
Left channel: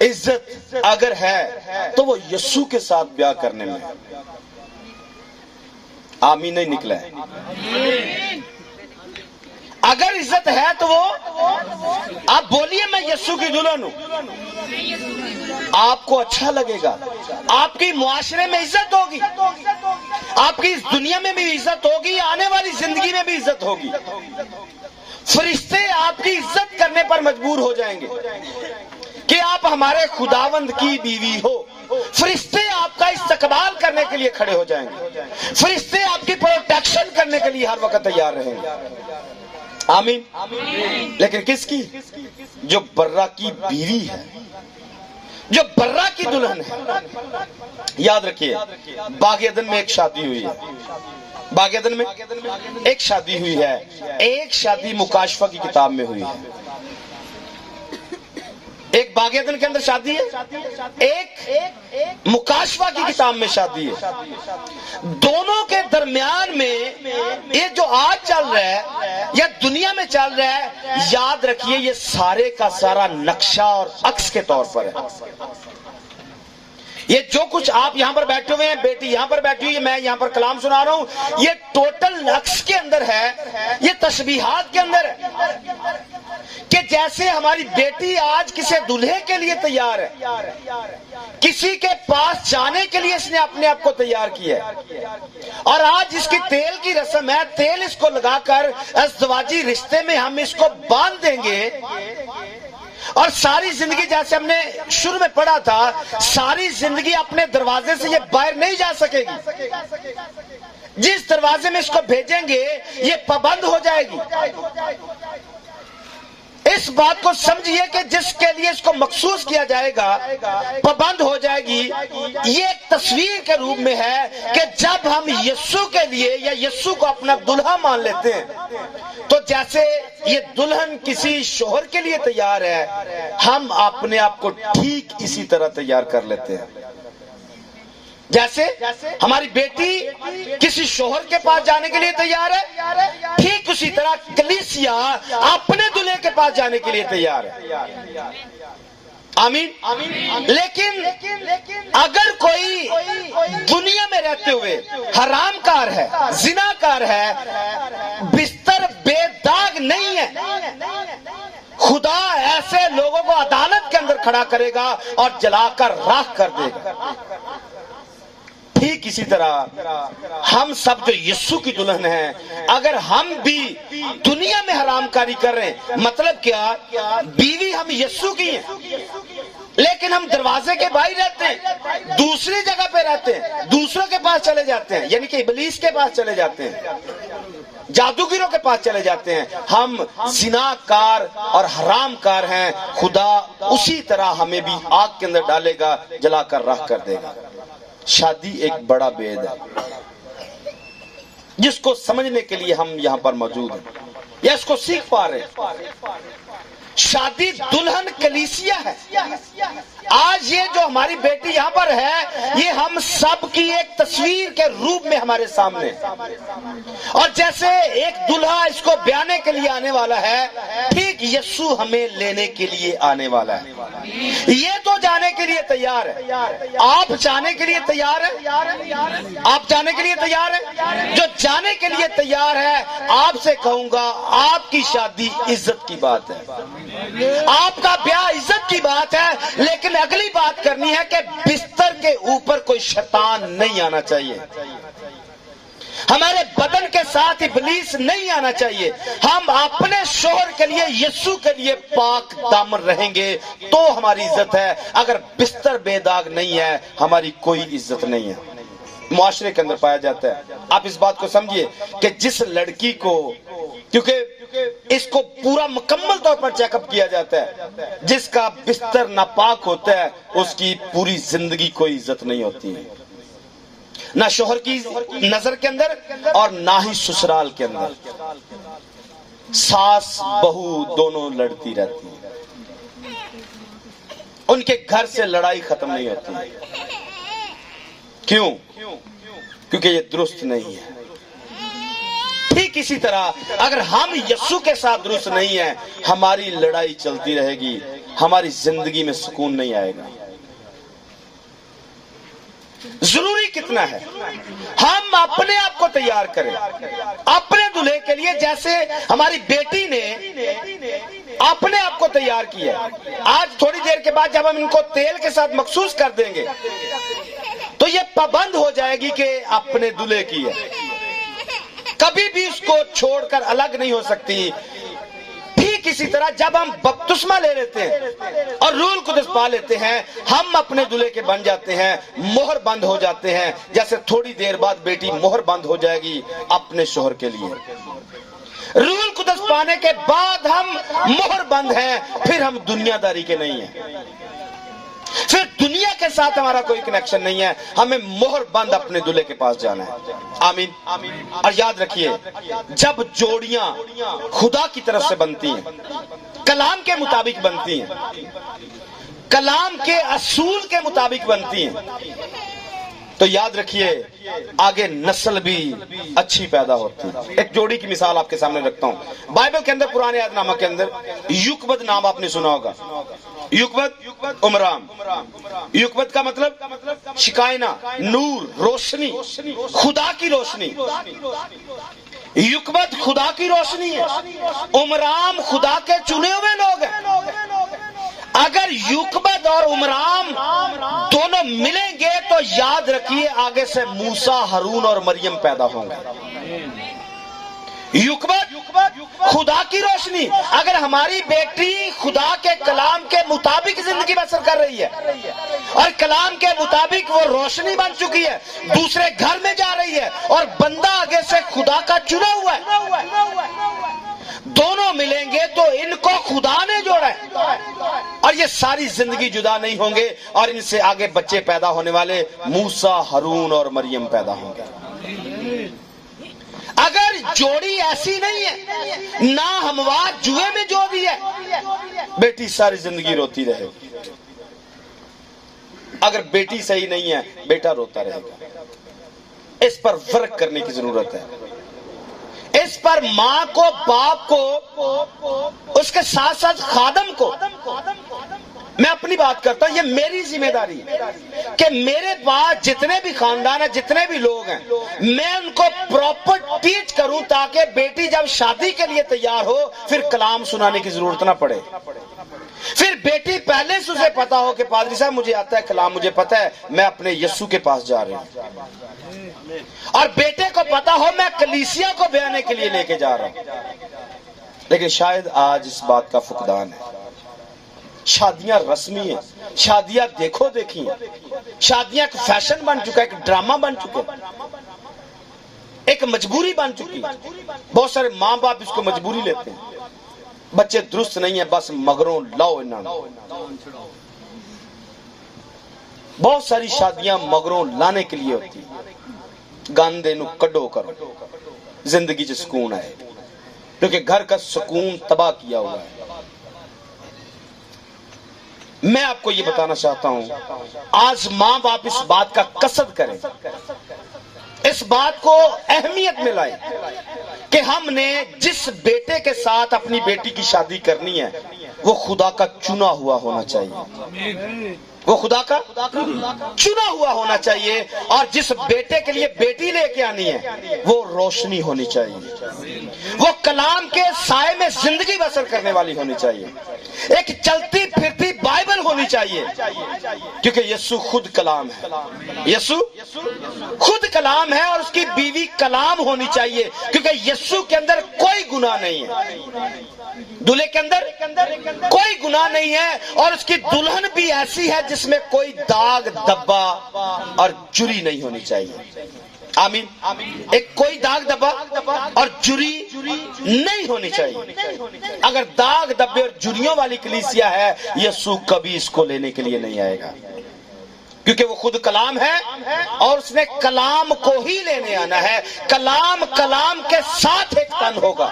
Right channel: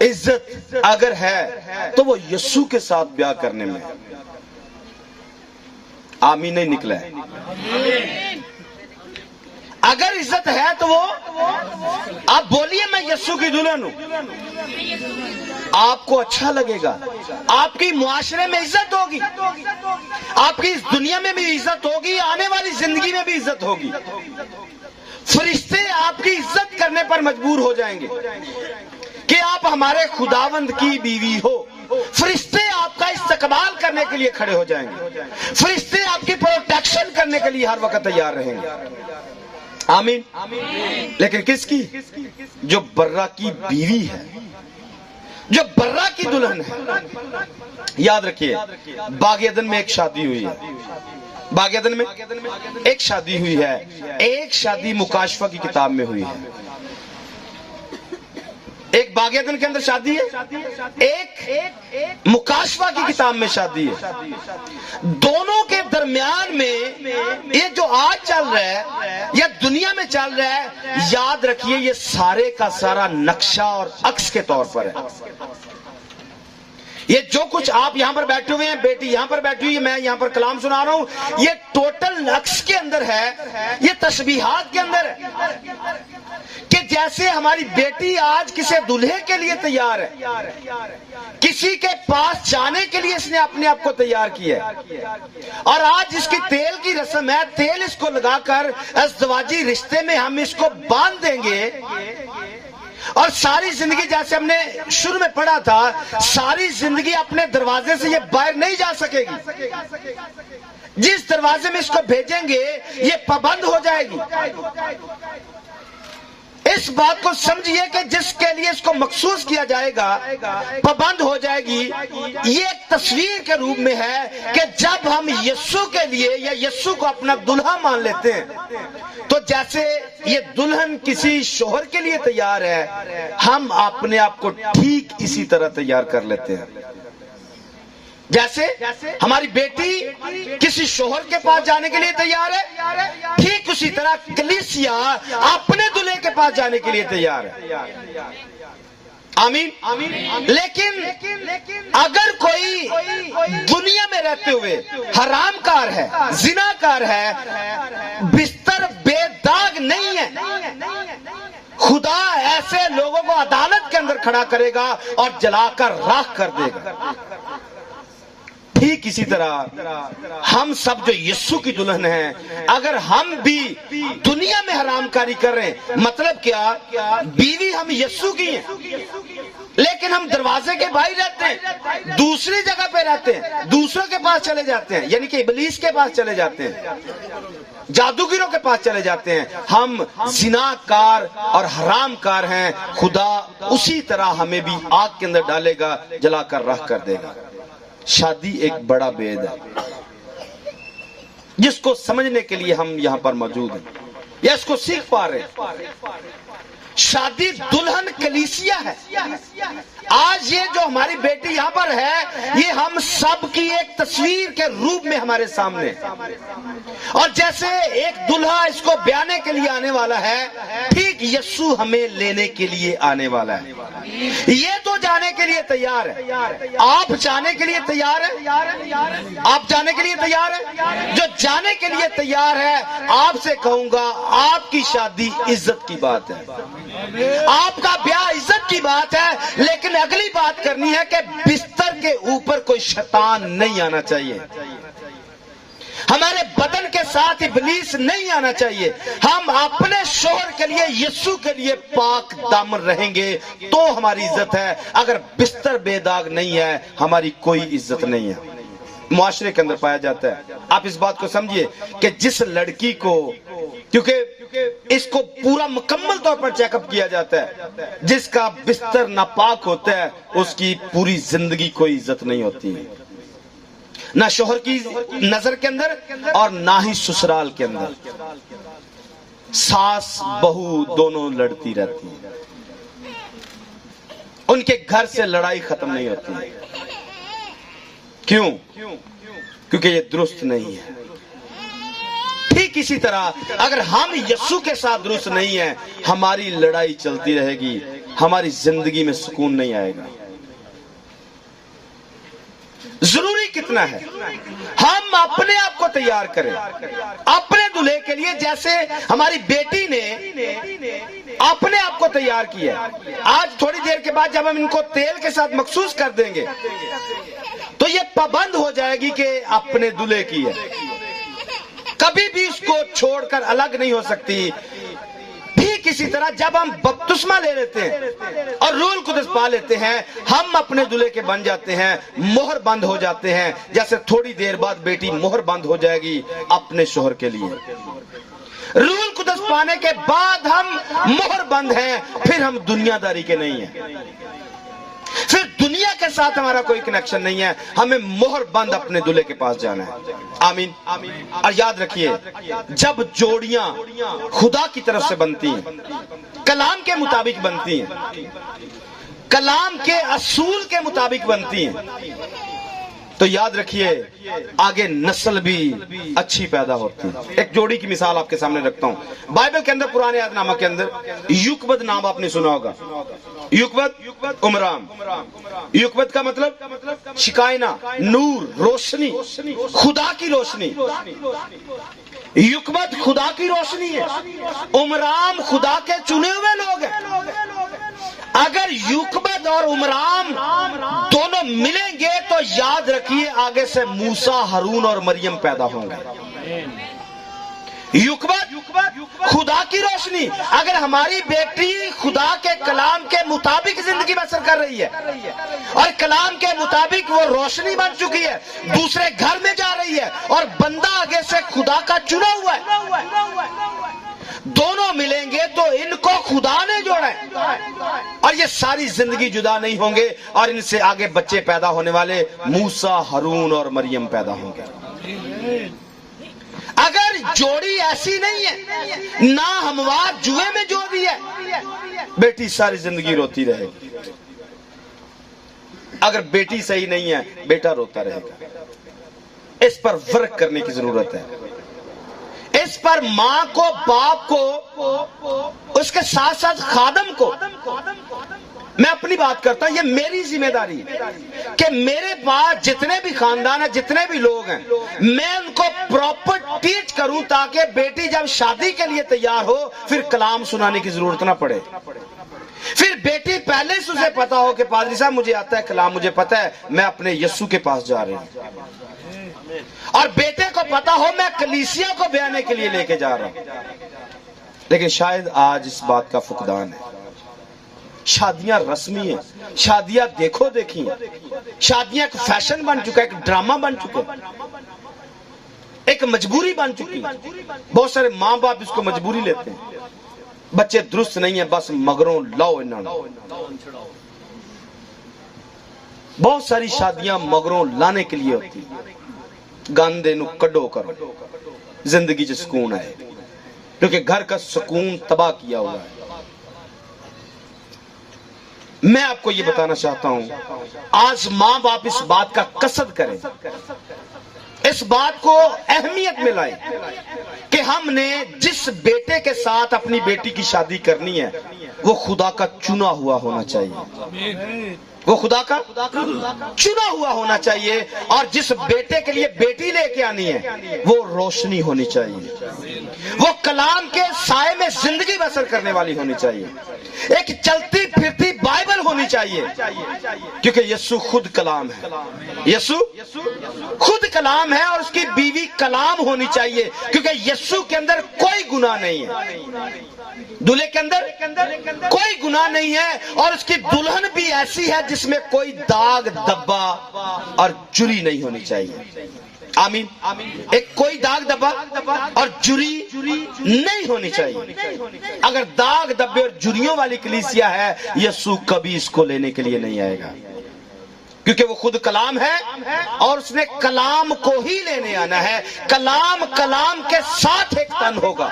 عزت اگر ہے تو وہ یسوع کے ساتھ بیاہ کرنے میں. آمین نہیں نکلا ہے. اگر عزت ہے تو وہ آپ بولیے میں یسوع کی دلہن ہوں آپ کو اچھا لگے گا آپ کی معاشرے میں عزت ہوگی آپ کی اس دنیا میں بھی عزت ہوگی آنے والی زندگی میں بھی عزت ہوگی. فرشتے آپ کی عزت کرنے پر مجبور ہو جائیں گے کہ آپ ہمارے خداوند کی بیوی ہو. فرشتے آپ کا استقبال کرنے کے لیے کھڑے ہو جائیں گے. فرشتے آپ کی پروٹیکشن کرنے کے لیے ہر وقت تیار رہیں گے. آمین. لیکن کس کی؟ جو برا کی بیوی ہے, جو برا کی دلہن ہے. یاد رکھیے, باغ عدن میں ایک شادی ہوئی ہے. باغ عدن میں ایک شادی ہوئی ہے. ایک شادی مکاشفہ کی کتاب میں ہوئی ہے. ایک باغ عدن کے اندر شادی ہے, ایک مکاشفہ کی کتاب میں شادی ہے. دونوں کے درمیان میں یہ جو آج چل رہا ہے یا دنیا میں چل رہا ہے, یاد رکھیے یہ سارے کا سارا نقشہ اور عکس کے طور پر ہے. یہ جو کچھ آپ یہاں پر بیٹھے ہوئے ہیں, بیٹی یہاں پر بیٹھی ہوئی ہے, میں یہاں پر کلام سنا رہا ہوں, یہ ٹوٹل عکس کے اندر ہے, یہ تشبیہات کے اندر ہے. کہ جیسے ہماری بیٹی آج کسی دلہے کے لیے تیار ہے, کسی کے پاس جانے کے لیے اس نے اپنے آپ کو تیار کیا ہے, اور آج اس کی تیل کی رسم ہے, تیل اس کو لگا کر ازدواجی رشتے میں ہم اس کو باندھ دیں گے, اور ساری زندگی جیسے ہم نے شروع میں پڑھا تھا, ساری زندگی اپنے دروازے سے یہ باہر نہیں جا سکے گی. جس دروازے میں اس کو بھیجیں گے یہ پابند ہو جائے گی. اس بات کو سمجھیے کہ جس کے لیے اس کو مخصوص کیا جائے گا پابند ہو جائے گی. یہ ایک تصویر کے روپ میں ہے کہ جب ہم یسوع کے لیے یا یسوع کو اپنا دلہا مان لیتے ہیں, تو جیسے یہ دلہن کسی شوہر کے لیے تیار ہے, ہم اپنے آپ کو ٹھیک اسی طرح تیار کر لیتے ہیں. جیسے ہماری بیٹی کسی شوہر کے پاس جانے کے لیے تیار ہے, ٹھیک اسی طرح کلیسیا اپنے دلہے کے پاس جانے کے لیے تیار ہے. آمین. لیکن اگر کوئی دنیا میں رہتے ہوئے حرام کار ہے, زنا کار ہے, بستر بے داغ نہیں ہے, خدا ایسے لوگوں کو عدالت کے اندر کھڑا کرے گا اور جلا کر راکھ کر دے گا. ٹھیک اسی طرح ہم سب جو یسوع کی دلہن ہیں, اگر ہم بھی دنیا میں حرام کاری کر رہے ہیں, مطلب کیا, بیوی ہم یسوع کی ہیں لیکن ہم دروازے کے باہر رہتے ہیں, دوسری جگہ پہ رہتے ہیں, دوسروں کے پاس چلے جاتے ہیں, یعنی کہ ابلیس کے پاس چلے جاتے ہیں, جادوگروں کے پاس چلے جاتے ہیں. ہم زنا کار اور حرام کار ہیں. خدا اسی طرح ہمیں بھی آگ کے اندر ڈالے گا, جلا کر راکھ کر دے گا. شادی ایک بڑا بید ہے جس کو سمجھنے کے لیے ہم یہاں پر موجود ہیں یا اس کو سیکھ پا رہے ہیں. شادی دلہن کلیسیا ہے. آج یہ جو ہماری بیٹی یہاں پر ہے, یہ ہم سب کی ایک تصویر کے روپ میں ہمارے سامنے, اور جیسے ایک دلہا اس کو بیانے کے لیے آنے والا ہے, ٹھیک یسوع ہمیں لینے کے لیے آنے والا ہے. یہ تو جانے کے لیے تیار ہے. آپ جانے کے لیے تیار ہیں؟ آپ جانے کے لیے تیار ہیں؟ جو جانے کے لیے تیار ہے, آپ سے کہوں گا آپ کی شادی عزت کی بات ہے, آپ کا بیاہ عزت کی بات ہے. لیکن اگلی بات کرنی ہے کہ بستر کے اوپر کوئی شیطان نہیں آنا چاہیے, ہمارے بدن کے ساتھ ابلیس نہیں آنا چاہیے. ہم اپنے شوہر کے لیے یسوع کے لیے پاک دامن رہیں گے تو ہماری عزت ہے. اگر بستر بے داغ نہیں ہے, ہماری کوئی عزت نہیں ہے. معاشرے کے اندر پایا جاتا ہے. آپ اس بات کو سمجھیے کہ جس لڑکی کو, کیونکہ اس کو پورا مکمل طور پر چیک اپ کیا جاتا ہے, جس کا بستر ناپاک ہوتا ہے اس کی پوری زندگی کوئی عزت نہیں ہوتی ہے, نہ شوہر کی نظر کے اندر اور نہ ہی سسرال کے اندر. ساس بہو دونوں لڑتی رہتی ہیں, ان کے گھر سے لڑائی ختم نہیں ہوتی. کیوں؟ کیونکہ یہ درست نہیں ہے. ٹھیک اسی طرح اگر ہم یسوع کے ساتھ درست نہیں ہیں, ہماری لڑائی چلتی رہے گی, ہماری زندگی میں سکون نہیں آئے گا. ضروری کتنا ہے ہم اپنے آپ کو تیار کریں اپنے دلہے کے لیے, جیسے ہماری بیٹی نے اپنے آپ کو تیار کیا. آج تھوڑی دیر کے بعد جب ہم ان کو تیل کے ساتھ مخصوص کر دیں گے تو یہ پابند ہو جائے گی کہ اپنے دلہے کی ہے, کبھی بھی اس کو چھوڑ کر الگ نہیں ہو سکتی. ٹھیک اسی طرح جب ہم بپتسمہ لے لیتے ہیں اور روح القدس پا لیتے ہیں، ہم اپنے دلہے کے بن جاتے ہیں، مہر بند ہو جاتے ہیں، جیسے تھوڑی دیر بعد بیٹی مہر بند ہو جائے گی اپنے شوہر کے لیے۔ روح القدس پانے کے بعد ہم مہر بند ہیں، پھر ہم دنیا داری کے نہیں ہیں، پھر دنیا کے ساتھ ہمارا کوئی کنیکشن نہیں ہے، ہمیں مہر بند اپنے دلہے کے پاس جانا ہے۔ آمین۔ اور یاد رکھیے، جب جوڑیاں خدا کی طرف سے بنتی ہیں، کلام کے مطابق بنتی ہیں، کلام کے اصول کے مطابق بنتی ہیں، تو یاد رکھیے آگے نسل بھی اچھی پیدا ہوتی ہے۔ ایک جوڑی کی مثال آپ کے سامنے رکھتا ہوں، بائبل کے اندر پرانے عہد نامہ کے اندر یوکبد نام آپ نے سنا ہوگا، یوکبد عمرام۔ یوکبد کا مطلب شکائنا، نور، روشنی، خدا کی روشنی۔ یوکبد خدا کی روشنی ہے، عمرام خدا کے چنے ہوئے لوگ ہیں۔ اگر یوکبد اور عمرام دونوں ملیں گے تو یاد رکھیے آگے سے موسیٰ، ہارون اور مریم پیدا ہوں گے۔ یوکبد خدا کی روشنی، اگر ہماری بیٹی خدا کے کلام کے مطابق زندگی بسر کر رہی ہے اور کلام کے مطابق وہ روشنی بن چکی ہے، دوسرے گھر میں جا رہی ہے اور بندہ آگے سے خدا کا چنا ہوا ہے، دونوں ملیں گے تو ان کو خدا نے جوڑا ہے اور یہ ساری زندگی جدا نہیں ہوں گے، اور ان سے آگے بچے پیدا ہونے والے موسیٰ، ہارون اور مریم پیدا ہوں گے۔ اگر جوڑی ایسی نہیں ہے، نہ ہموار جوئے میں جوڑ رہی ہے، بیٹی ساری زندگی روتی رہے گی۔ اگر بیٹی صحیح نہیں ہے، بیٹا روتا رہے گا۔ اس پر فرق کرنے کی ضرورت ہے، اس پر ماں کو، باپ کو، اس کے ساتھ ساتھ خادم کو۔ میں اپنی بات کرتا ہوں، یہ میری ذمہ داری ہے کہ میرے پاس جتنے بھی خاندان ہیں، جتنے بھی لوگ ہیں، میں ان کو پراپر ٹیچ کروں تاکہ بیٹی جب شادی کے لیے تیار ہو پھر کلام سنانے کی ضرورت نہ پڑے۔ پھر بیٹی پہلے سے اسے پتا ہو کہ پادری صاحب مجھے آتا ہے کلام، مجھے پتا ہے میں اپنے یسوع کے پاس جا رہی ہوں، اور بیٹے کو پتا ہو میں کلیسیا کو بیانے کے لیے لے کے جا رہا ہوں۔ لیکن شاید آج اس بات کا فقدان ہے۔ شادیاں رسمی ہیں، شادیاں دیکھو دیکھی ہیں، شادیاں ایک فیشن بن چکا ہے، ایک ڈرامہ بن چکا ہے، ایک مجبوری بن چکی ہے۔ بہت سارے ماں باپ اس کو مجبوری لیتے ہیں، بچے درست نہیں ہیں بس مگروں لاؤ انہوں نے۔ بہت ساری شادیاں مگروں لانے کے لیے ہوتی ہیں، گاندے نو کڈو کرو زندگی سے سکون آئے، کیونکہ گھر کا سکون تباہ کیا ہوا ہے۔ میں آپ کو یہ بتانا چاہتا ہوں، آج ماں باپ اس بات کا قصد کریں، اس بات کو اہمیت میں لائیں کہ ہم نے جس بیٹے کے ساتھ اپنی بیٹی کی شادی کرنی ہے وہ خدا کا چنا ہوا ہونا چاہیے، وہ خدا کا چنا ہوا ہونا چاہیے، اور جس بیٹے کے لیے بیٹی لے کے آنی ہے وہ روشنی ہونی چاہیے، وہ کلام کے سائے میں زندگی بسر کرنے والی ہونی چاہیے، ایک چلتی پھرتی بائبل ہونی چاہیے، کیونکہ یسوع خود کلام ہے، یسوع خود کلام ہے، اور اس کی بیوی کلام ہونی چاہیے، کیونکہ یسوع کے اندر کوئی گناہ نہیں ہے، دلہے کے اندر کوئی گناہ نہیں ہے، اور اس کی دلہن بھی ایسی ہے جس میں کوئی داغ دبا اور جری نہیں ہونی چاہیے۔ آمین۔ ایک کوئی داغ دبا اور جری نہیں ہونی چاہیے۔ اگر داغ دبے اور جریوں والی کلیسیا ہے، یسوع کبھی اس کو لینے کے لیے نہیں آئے گا، کیونکہ وہ خود کلام ہے اور اس نے کلام کو ہی لینے آنا ہے۔ کلام کے ساتھ ایک تن ہوگا۔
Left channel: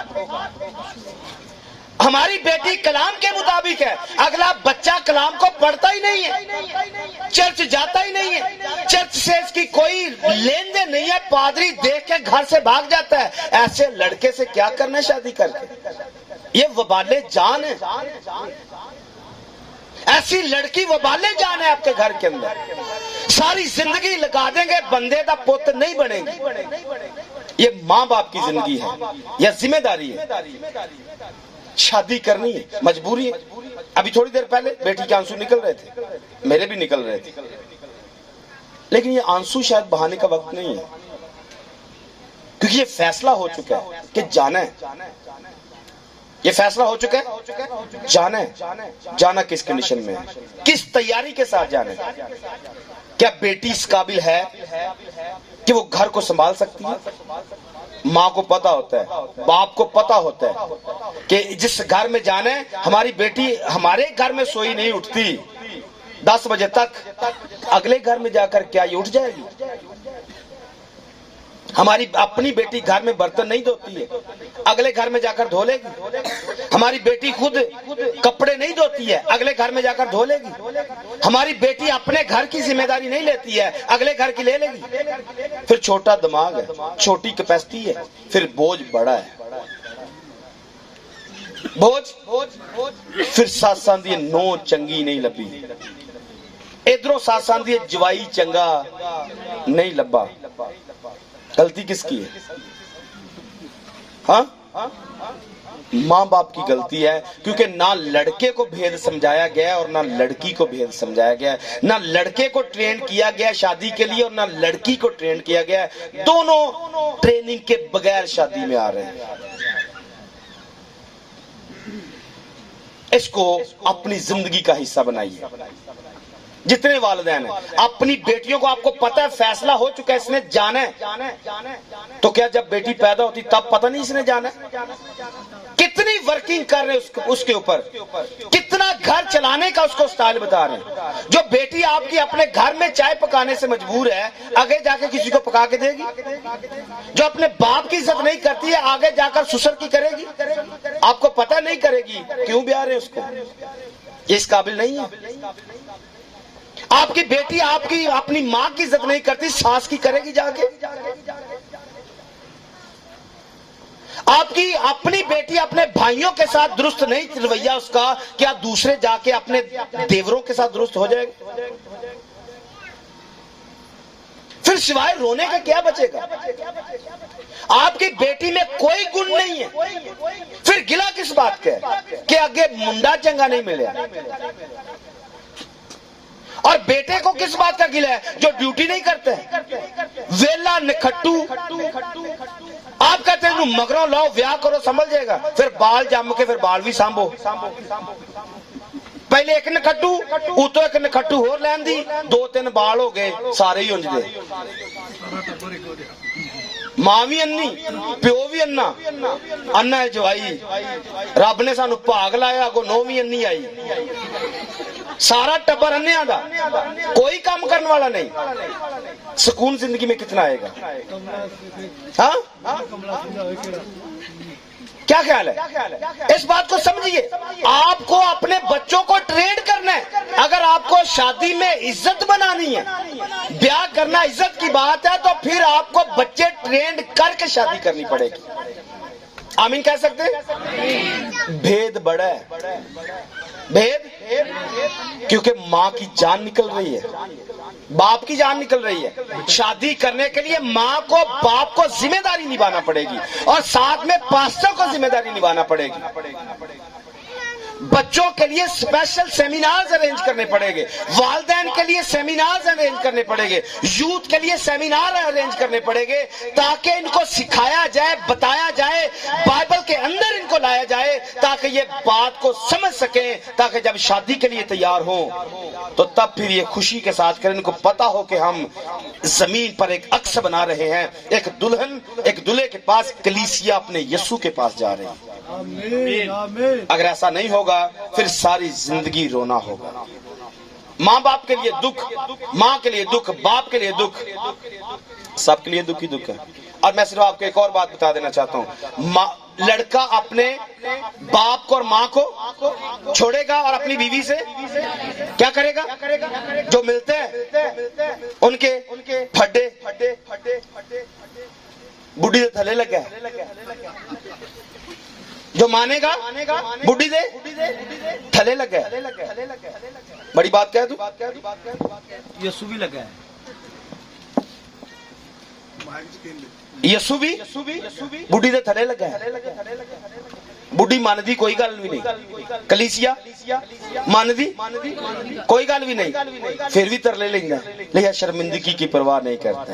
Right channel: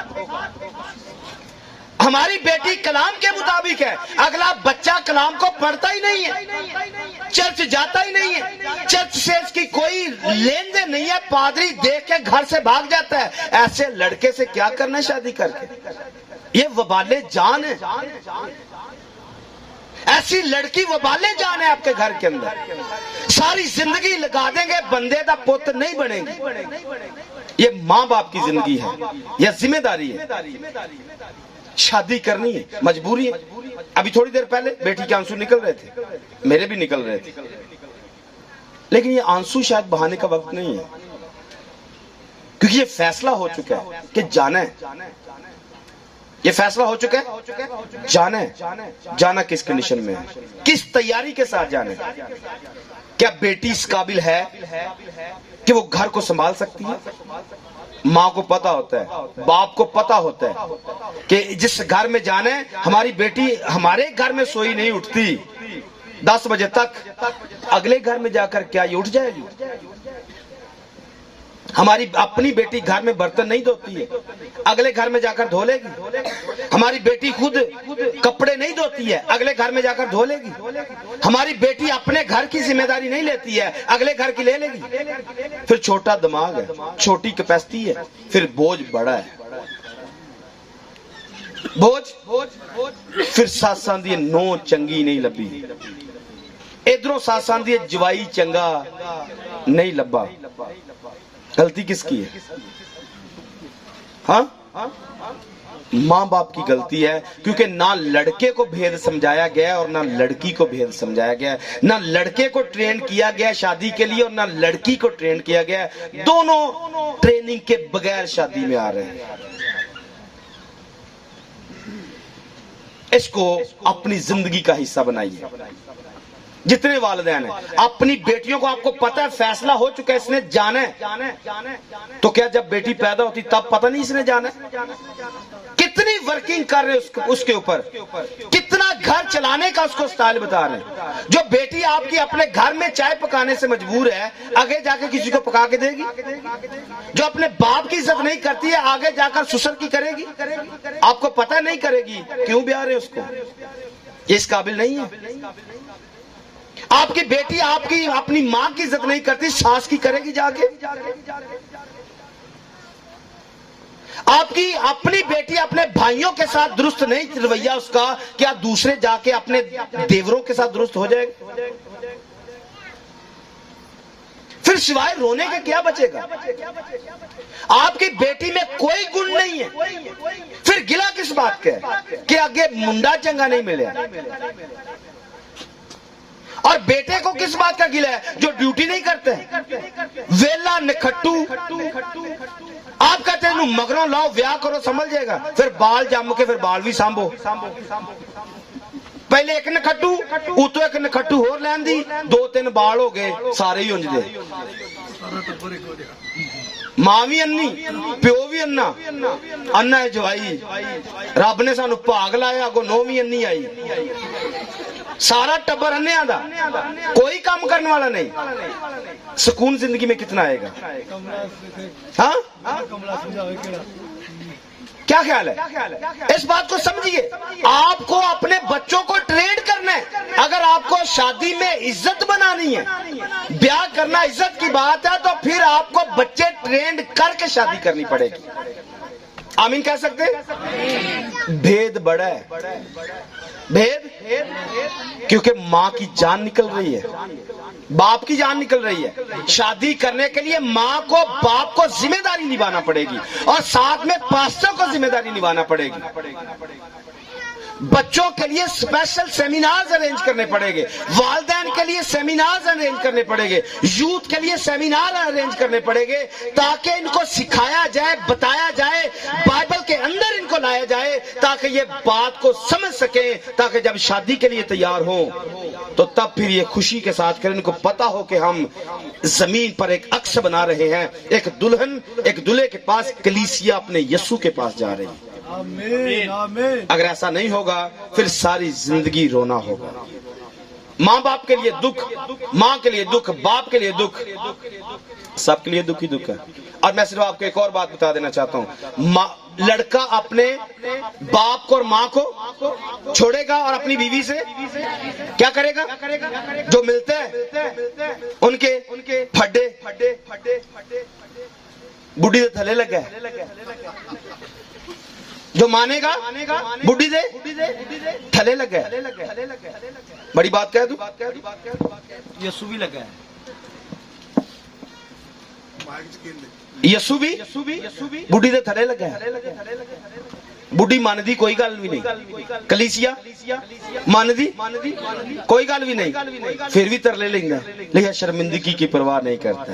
ہماری بیٹی کلام کے مطابق ہے، اگلا بچہ کلام کو پڑھتا ہی نہیں ہے، چرچ جاتا ہی نہیں ہے، چرچ سے اس کی کوئی لین دین نہیں ہے، پادری دیکھ کے گھر سے بھاگ جاتا ہے۔ ایسے لڑکے سے کیا کرنا شادی کر کے؟ یہ وبال جان ہے، ایسی لڑکی وبال جان ہے آپ کے گھر کے اندر، ساری زندگی لگا دیں گے، بندے دا پوت نہیں بنے گی۔ یہ ماں باپ کی زندگی ہے، یہ ذمہ داری ہے۔ شادی کرنی ہے، مجبوری ہے۔ ابھی تھوڑی دیر پہلے بیٹی کے آنسو نکل رہے تھے، میرے بھی نکل رہے تھے، لیکن یہ آنسو شاید بہانے کا وقت نہیں ہے، کیونکہ یہ فیصلہ ہو چکا ہے کہ جانا ہے۔ یہ فیصلہ ہو چکا ہے، جانا کس کنڈیشن میں ہے، کس تیاری کے ساتھ جانا ہے. کیا بیٹی اس قابل ہے کہ وہ گھر کو سنبھال سکتی ہے؟ ماں کو پتا ہوتا ہے، باپ کو پتا ہوتا ہے کہ جس گھر میں جانا ہے، ہماری بیٹی ہمارے گھر میں سوئی نہیں اٹھتی 10 بجے تک، اگلے گھر میں جا کر کیا یہ اٹھ جائے گی؟ ہماری اپنی بیٹی گھر میں برتن نہیں دھوتی ہے، اگلے گھر میں جا کر دھو لے گی. ہماری بیٹی خود کپڑے نہیں دھوتی ہے، اگلے گھر میں جا کر دھو لے گی. ہماری بیٹی اپنے گھر کی ذمہ داری نہیں لیتی ہے، اگلے گھر کی لے لے گی. پھر چھوٹا دماغ ہے، چھوٹی کیپیسٹی ہے، پھر بوجھ بڑا ہے. پھر ساس آندی نو چنگی نہیں لبی، ادھروں ساس آندی جوائی چنگا نہیں لبا. غلطی کس کی ہے؟ ہاں، ماں باپ کی غلطی ہے، کیونکہ نہ لڑکے کو بھید سمجھایا گیا اور نہ لڑکی کو بھید سمجھایا گیا. نہ لڑکے کو ٹرین کیا گیا شادی کے لیے اور نہ لڑکی کو ٹرین کیا گیا. دونوں ٹریننگ کے بغیر شادی میں آ رہے ہیں. اس کو اپنی زندگی کا حصہ بنائیے. جتنے والدین ہیں اپنی بیٹیوں کو، آپ کو پتا ہے فیصلہ ہو چکا ہے اس نے جانا ہے، تو کیا جب بیٹی پیدا ہوتی تب پتہ نہیں اس نے جانا ہے؟ کتنی ورکنگ کر رہے اس کے اوپر، کتنا گھر چلانے کا اس کو سٹائل بتا رہے ہیں. جو بیٹی آپ کی اپنے گھر میں چائے پکانے سے مجبور ہے، آگے جا کے کسی کو پکا کے دے گی؟ جو اپنے باپ کی عزت نہیں کرتی ہے، آگے جا کر سسر کی کرے گی؟ آپ کو پتہ نہیں کرے گی، کیوں بھی آ رہے اس کو؟ یہ اس قابل نہیں ہے. آپ کی بیٹی آپ کی اپنی ماں کی عزت نہیں کرتی، ساس کی کرے گی جا کے؟ آپ کی اپنی بیٹی اپنے بھائیوں کے ساتھ درست نہیں رویہ اس کا، کیا دوسرے جا کے اپنے دیوروں کے ساتھ درست ہو جائے گا؟ پھر سوائے رونے کا کیا بچے گا؟ آپ کی بیٹی میں کوئی گن نہیں ہے، پھر گلا کس بات کا ہے کہ آگے منڈا چنگا نہیں ملے؟ اور بیٹے کو کس بات کا گلا ہے جو ڈیوٹی نہیں کرتے ہیں؟ ویلا نکھٹو. آپ کہتے ہیں مگروں لاؤ بیاہ کرو سنبھل جائے گا، پھر بال جم کے پھر بال بھی سانبو. پہلے ایک نکھٹو اتو ایک نکھٹو ہور لین دی، 2-3 بال ہو گئے سارے ہی انج دے. ماں بھی انی پیو بھی انا، انا ہے جوائی. رب نے سانو بھاگ لایا، اگو نو بھی انی آئی. سارا ٹبر انیا دا، کوئی کام کرنے والا نہیں. سکون زندگی میں کتنا آئے گا؟ ہاں، کیا خیال ہے؟ اس بات کو سمجھیے. آپ کو اپنے بچوں کو ٹرین کرنا ہے. اگر آپ کو شادی میں عزت بنانی ہے، بیاہ کرنا عزت کی بات ہے، تو پھر آپ کو بچے ٹرینڈ کر کے شادی کرنی پڑے گی. آمین کہہ سکتے ہیں؟ بھید بڑا ہے، بھید، کیونکہ ماں کی جان نکل رہی ہے، باپ کی جان نکل رہی ہے. شادی کرنے کے لیے ماں کو باپ کو ذمہ داری نبھانا پڑے گی، اور ساتھ میں پاسٹر کو ذمہ داری نبھانا پڑے گی. بچوں کے لیے اسپیشل سیمینار ارینج کرنے پڑے گے، والدین کے لیے سیمینار ارینج کرنے پڑے گے، یوتھ کے لیے سیمینار ارینج کرنے پڑے گے، تاکہ ان کو سکھایا جائے، بتایا جائے، بائبل کے اندر ان کو لایا جائے، تاکہ یہ بات کو سمجھ سکیں، تاکہ جب شادی کے لیے تیار ہوں تو تب پھر یہ خوشی کے ساتھ کریں. ان کو پتا ہو کہ ہم زمین پر ایک عکس بنا رہے ہیں، ایک دلہن ایک دلہے کے پاس، کلیسیا اپنے یسوع کے پاس جا رہی ہے. اگر ایسا نہیں ہوگا پھر ساری زندگی رونا ہوگا. ماں باپ کے لیے دکھ، ماں کے لیے دکھ، باپ کے لیے دکھ، سب کے لیے دکھ ہی دکھ ہے. اور میں صرف آپ کو ایک اور بات بتا دینا چاہتا ہوں. لڑکا اپنے باپ کو اور ماں کو چھوڑے گا اور اپنی بیوی سے کیا کرے گا؟ جو ملتے ہیں ان کے پھڈے بڈھی دے تھلے لگے، جو مانے گا بڈھی دے تھلے لگے. بڑی بات کہہ دوں، یسوع بھی لگا ہے. یسوع بھی بڈھی دے تھلے لگا ہے. بڈھی ماندی کوئی گل بھی نہیں، کلیسیا ماندی کوئی گل بھی نہیں، پھر بھی ترلے لینا، لیکن شرمندگی کی پرواہ نہیں کرتے.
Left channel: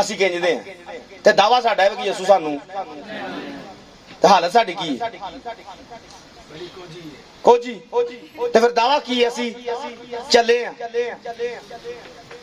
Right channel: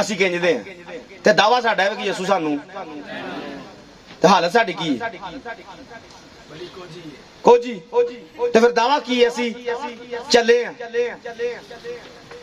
ਅਸੀਂ ਕਹਿੰਦੇ ਹਾਂ ਤੇ ਦਾਵਾ ਸਾਡਾ ਹੈ ਕਿ ਯਿਸੂ ਸਾਨੂੰ, ਤੇ ਹਾਲਤ ਸਾਡੀ ਕੀ ਹੈ? ਕੋਜੀ। ਤੇ ਫਿਰ ਦਾਵਾ ਕੀ ਹੈ? ਅਸੀਂ ਚੱਲੇ ਆ।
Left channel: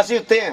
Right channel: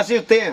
ਅਸੀਂ ਉੱਤੇ ਆ,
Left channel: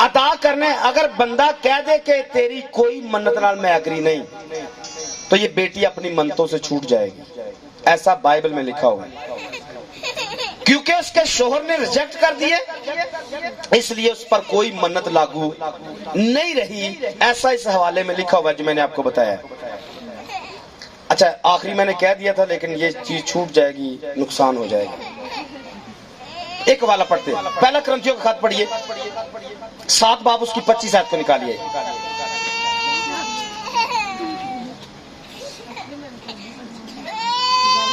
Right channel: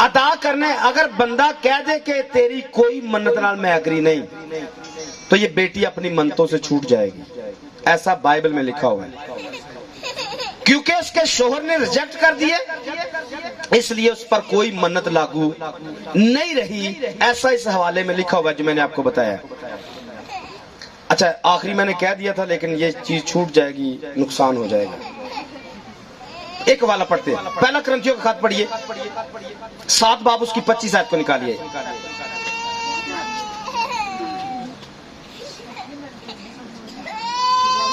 ادا کرنے. اگر بندہ کہہ دے کہ تیری کوئی منت نال میں ایگری نہیں, تو یہ بیٹی اپنی منتوں سے چھوٹ جائے گی. ایسا بائبل میں لکھا ہوا ہے. کیونکہ اس کے شوہر نے ریجیکٹ کر دیے, اس لیے اس پر کوئی منت لاگو نہیں رہی. ایسا اس حوالے میں لکھا ہوا ہے جو میں نے آپ کو بتایا. اچھا, آخری میں نے کہہ دیا تھا لیکن یہ چیز چھوٹ جائے گی, نقصان ہو جائے گا. ایک حوالہ پڑھتے ہیں. پہلا کرنتھیوں کا خط پڑھیے, 7 باب اس کی 25 آیت کو نکالیے.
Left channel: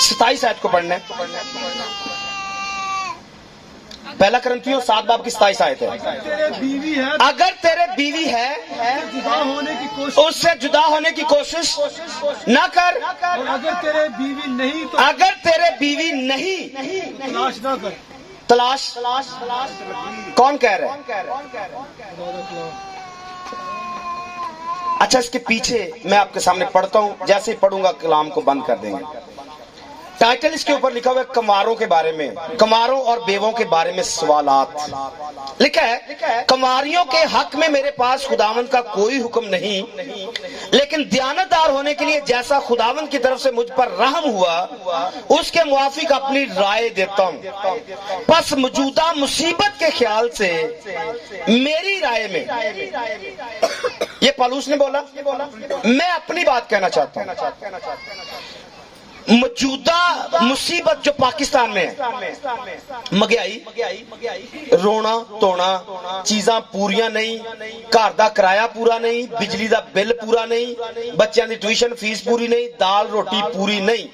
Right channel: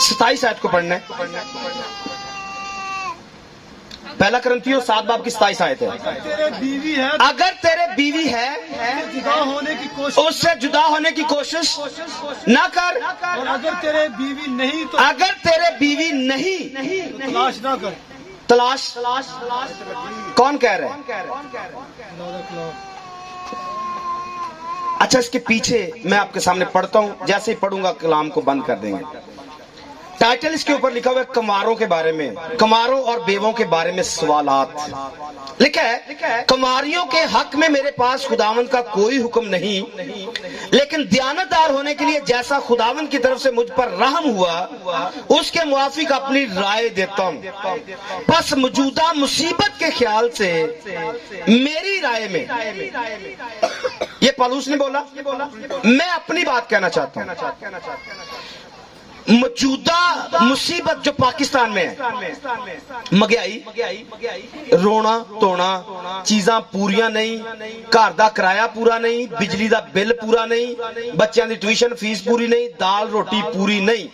ستائیس آیت کو پڑھنا ہے. پہلا کرنتھیوں 7 باب کی 27 آیت ہے. تیرے بیوی ہے, اگر تیرے بیوی ہے جدا ہونے کی کوشش, اس سے جدا ہونے کی کوشش نہ کر, اور اگر تیرے بیوی نہیں تو اگر تیرے بیوی نہیں تلاش نہ کر. تلاش کون کہہ رہا ہے؟ اچھا, اس کے پیچھے میں آپ کے سامنے پڑھتا ہوں, جیسے ہی پڑھوں گا کلام کو بند کر دیں گے. ٹائٹل اس کے اوپر لکھا ہوا ہے کماروں کے بارے میں, کماروں اور بیووں کے بارے میں سوالات. لکھا ہے کماریوں کے حق میں میرے پاس خداوند کا کوئی حکم نہیں, لیکن دیانتدار ہونے کے لیے جیسا خداوند کی طرف سے مجھ پر رحم ہوا اس کے موافق اپنی رائے دیتا ہوں. بس موجودہ مصیبت کے خیال سے میری رائے میں, یہ پالوس نے بولا, میں اپنی بات کہنا چاہتا ہوں. موجودہ مصیبت جو پاکستان میں ہے, مہنگائی, رونا تونا, چیزاں پوریاں نہیں, گھر دا کرایہ پورا نہیں, بجلی دا بل پورا نہیں, بچیاں دی ٹیوشن فیس پوری نہیں, دال روٹی پوری نہیں.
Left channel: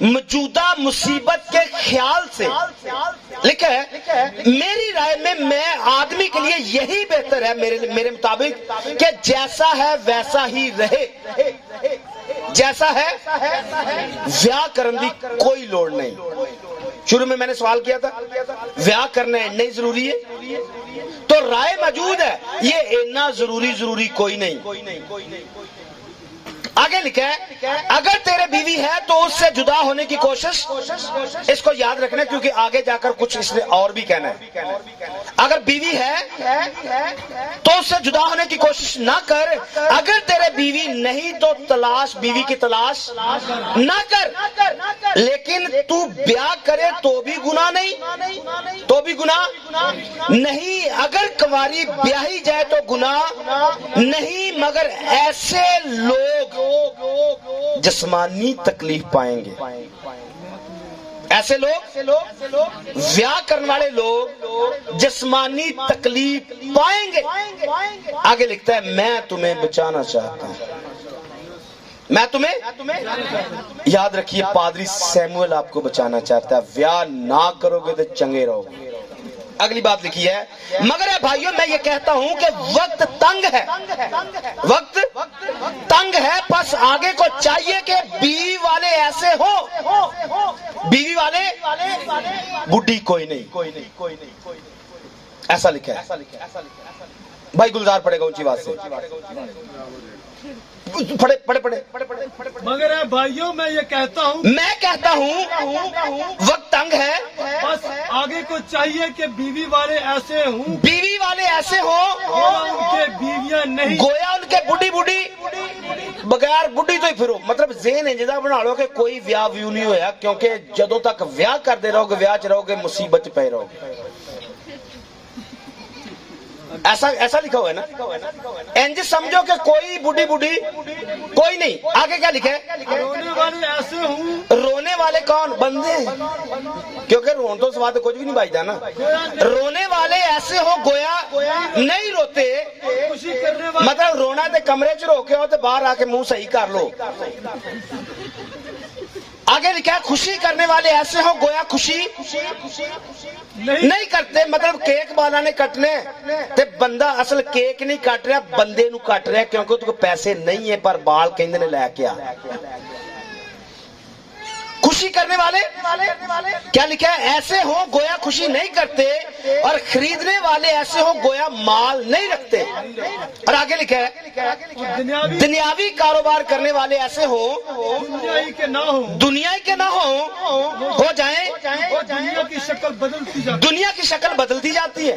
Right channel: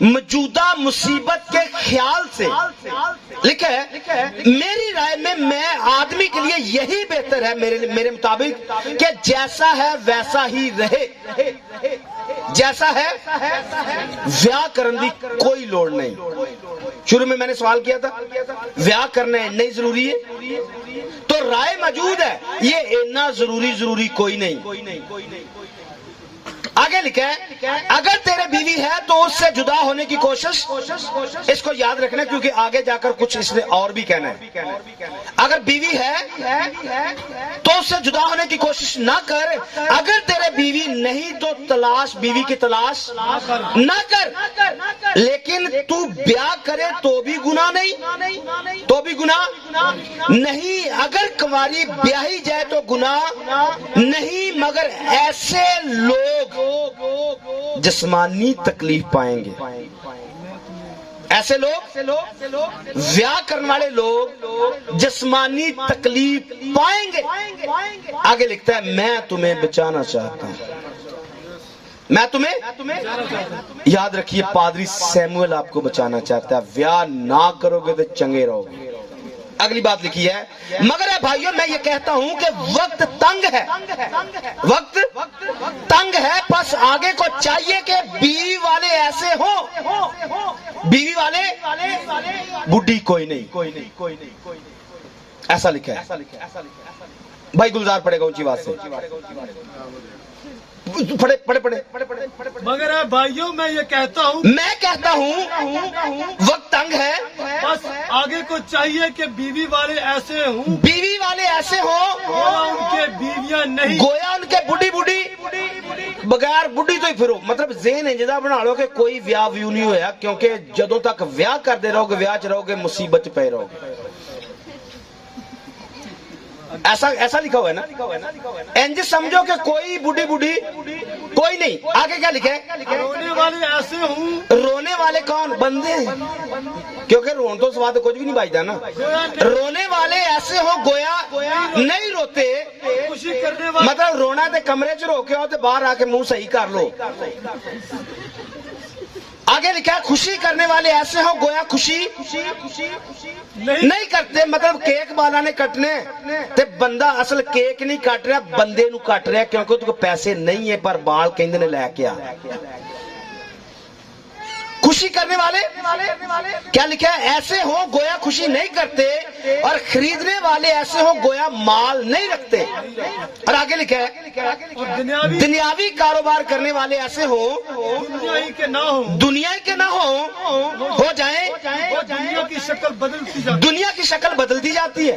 موجودہ مصیبت کے خیال سے لکھا ہے میری رائے میں آدمی کے لیے یہی بہتر ہے میرے مطابق کہ جیسا ہے ویسا ہی رہے. جیسا ہے ویاہ کرنے کی کوئی لوڑ نہیں. شروع میں نے سوال کیا تھا ویاہ کرنا نہیں ضروری ہے, تو رائے موجود ہے یہ اتنا ضروری کوئی نہیں. آگے لکھا ہے اگر تیرے بیوی ہے تو اس سے جدا ہونے کی کوشش, اس کو یاد رکھنا کیونکہ آگے جا کر کچھ اس نے اور بھی کہنا ہے. اگر بیوی ہے تو اس سے جدا ہونے کی کوشش نہ کر, اگر تیرے بیوی نہیں تو تلاش, بیوی کی تلاش نہ کر, لیکن تو بیاہ کرے تو بھی گناہ نہیں, تو بھی گناہ نہیں. اگر کنواری بیاہی جائے تو گناہ نہیں, مگر ایسے لوگ جسمانی تکلیف پائیں گے. ایسے لوگ ویاہ کرنے والے لوگ جسمانی تکلیف پائیں گے. آگے لکھتا ہے میں تمہیں بچانا چاہتا ہوں. میں تمہیں یاد رکھیے پادری سیموئل آپ کو بچانا چاہتا ہے. ویاہ نہ کرو گے تو چنگے رہو گے. اگلی بات لکھی ہے مگر بھائیو میں یہ کہتا ہوں کہ وقت تنگ ہے, وقت تنگ ہے, بس آگے کو چاہیے کہ بیوی والے ایسے ہو, بیوی والے بڈھی کوئی نہیں, ایسا لکھا ہے. بھائی گلزار پڑے گا اونچی بات سے, پڑھے. مگر بھائیوں میں یہ کہتا ہوں وقت تنگ ہے, بس آگے کو چاہیے کہ بیوی والے ایسے ہوں, بیوی والے ایسے ہوں گویا ان کے بیویاں نہیں, گویا ان کے بڈھی بغیر بڈھی تو ہی پھرو. مطلب ذہن انجدہ بنا لو کہ کوئی ویاہ ویو نہیں ہویا, کیونکہ جدوں تک ویاہ کرتے رہو گے ویاہ چ رہو گے مصیبت پہ رہو گے. ایسا لکھا ہوا ہے نا. انج سمجھو کہ کوئی بڈھی کوئی نہیں. آگے کیا لکھا ہے رونے والے ایسے ہوں, رونے والے کون بندے, کیونکہ رون تو سواد کچھ بھی نہیں بچتا نا. رونے والے ایسے ہوں گویا نہیں روتے, خوشی کرنے والے, مطلب رونا تے کمرے چ رو کے آؤ تے باہر آ کے منہ صحیح کر لو. آگے لکھا ہے خوشی کرنے والے ایسے ہو گویا خوشی نہیں کرتے. مطلب کیک بالا نے کٹنے تے بندہ اصل کیک نہیں کٹ رہا, بندے نو کٹ رہا, کیونکہ اس کو پیسے نہیں ہے پر بال کہندے نے لے کے آ. خوشی کرنے والے کیا لکھا ہے ایسے ہو گویا خوشی نہیں کرتے, اور خریدنے والے ایسے ہو گویا مال نہیں رکھتے. اور آگے لکھا ہے دنیاوی کاروبار کرنے والے ایسے ہو دنیا کے نہ ہو جائیں, دنیا کی شکل بدلتی جاتی, دنیا کی شکل بدلتی جاتی ہے.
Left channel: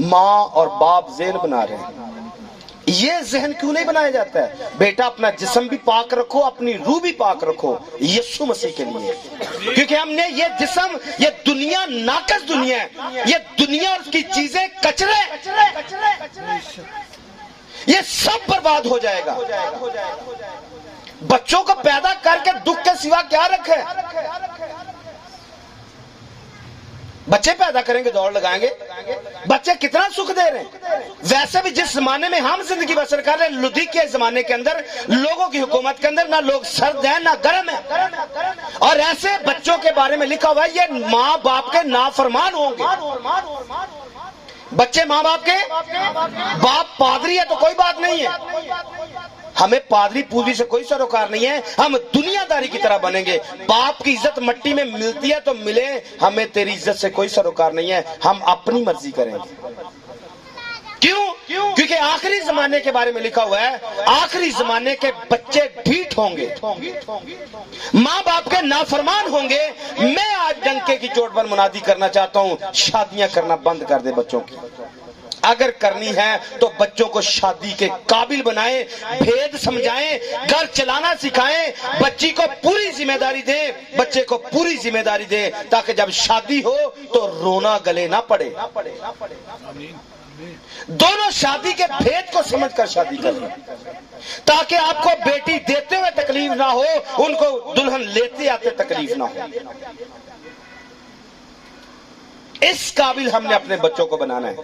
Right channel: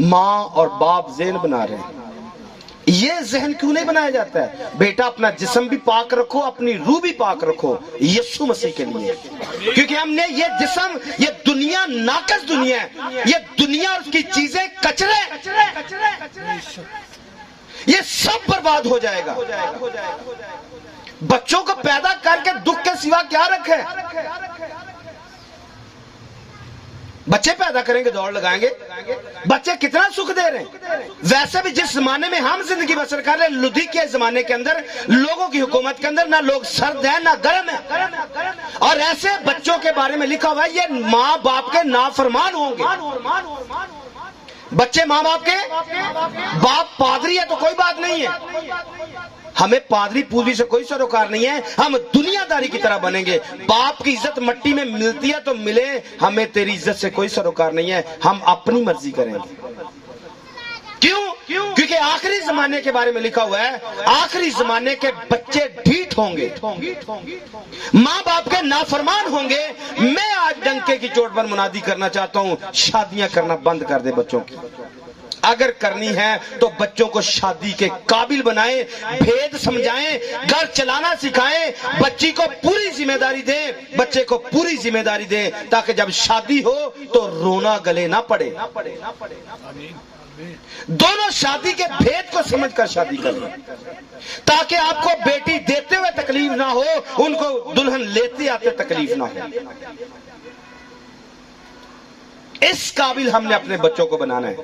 ماں اور باپ ذہن بنا رہے ہیں۔ یہ ذہن کیوں نہیں بنایا جاتا ہے؟ بیٹا اپنا جسم بھی پاک رکھو، اپنی روح بھی پاک رکھو یسوع مسیح کے لیے، کیونکہ ہم نے یہ جسم، یہ دنیا ناقص دنیا ہے، یہ دنیا اور اس کی چیزیں کچرے، یہ سب برباد ہو جائے گا۔ بچوں کو پیدا کر کے دکھ کے سوا کیا رکھے؟ بچے پیدا کریں گے، دوڑ لگائیں گے، بچے کتنا سکھ دے رہے ہیں۔ ویسے بھی جس زمانے میں ہم زندگی بسر کر رہے ہیں، لدھی کے زمانے کے اندر، لوگوں کی حکومت کے اندر، نہ لوگ سرد ہیں نہ گرم ہیں، اور ایسے بچوں کے بارے میں لکھا ہوا ہے یہ ماں باپ کے نافرمان ہوں گے۔ بچے ماں باپ کے، باپ پادری ہے تو کوئی بات نہیں ہے، ہمیں پادری پوجری سے کوئی سروکار نہیں ہے، ہم دنیا داری کی طرح بنیں گے۔ باپ کی عزت مٹی میں ملتی ہے تو ملے، ہمیں تیری عزت سے کوئی سروکار نہیں ہے، ہم اپنی مرضی کریں گے۔ کیوں؟ کیونکہ آخری زمانے کے بارے میں لکھا ہوا ہے آخری زمانے کے بچے ڈھیٹ ہوں گے، ماں باپ کے نافرمان ہوں گے۔ میں آج ڈنکے کی چوٹ پر منادی کرنا چاہتا ہوں، شادیاں کرنا بند کر دے بچوں کی۔ اگر کرنی ہے تو بچوں کو شادی کے قابل بنائیں، بھید سمجھائیں، گھر چلانا سکھائیں، بچی کو پوری ذمہ داری دیں، بچے کو پوری ذمہ داری دیں، تاکہ جب شادی ہو تو رونا گلے نہ پڑے۔ دونوں شادی کے بھید کو سمجھ کر شادی کریں، تاکہ آپ کو بیٹی دیتے ہوئے تکلیف نہ ہو، ان کو دلہن لیتے آتے تکلیف نہ ہو۔ اس قابل ہم نے اپنے بچوں کو بنانا ہے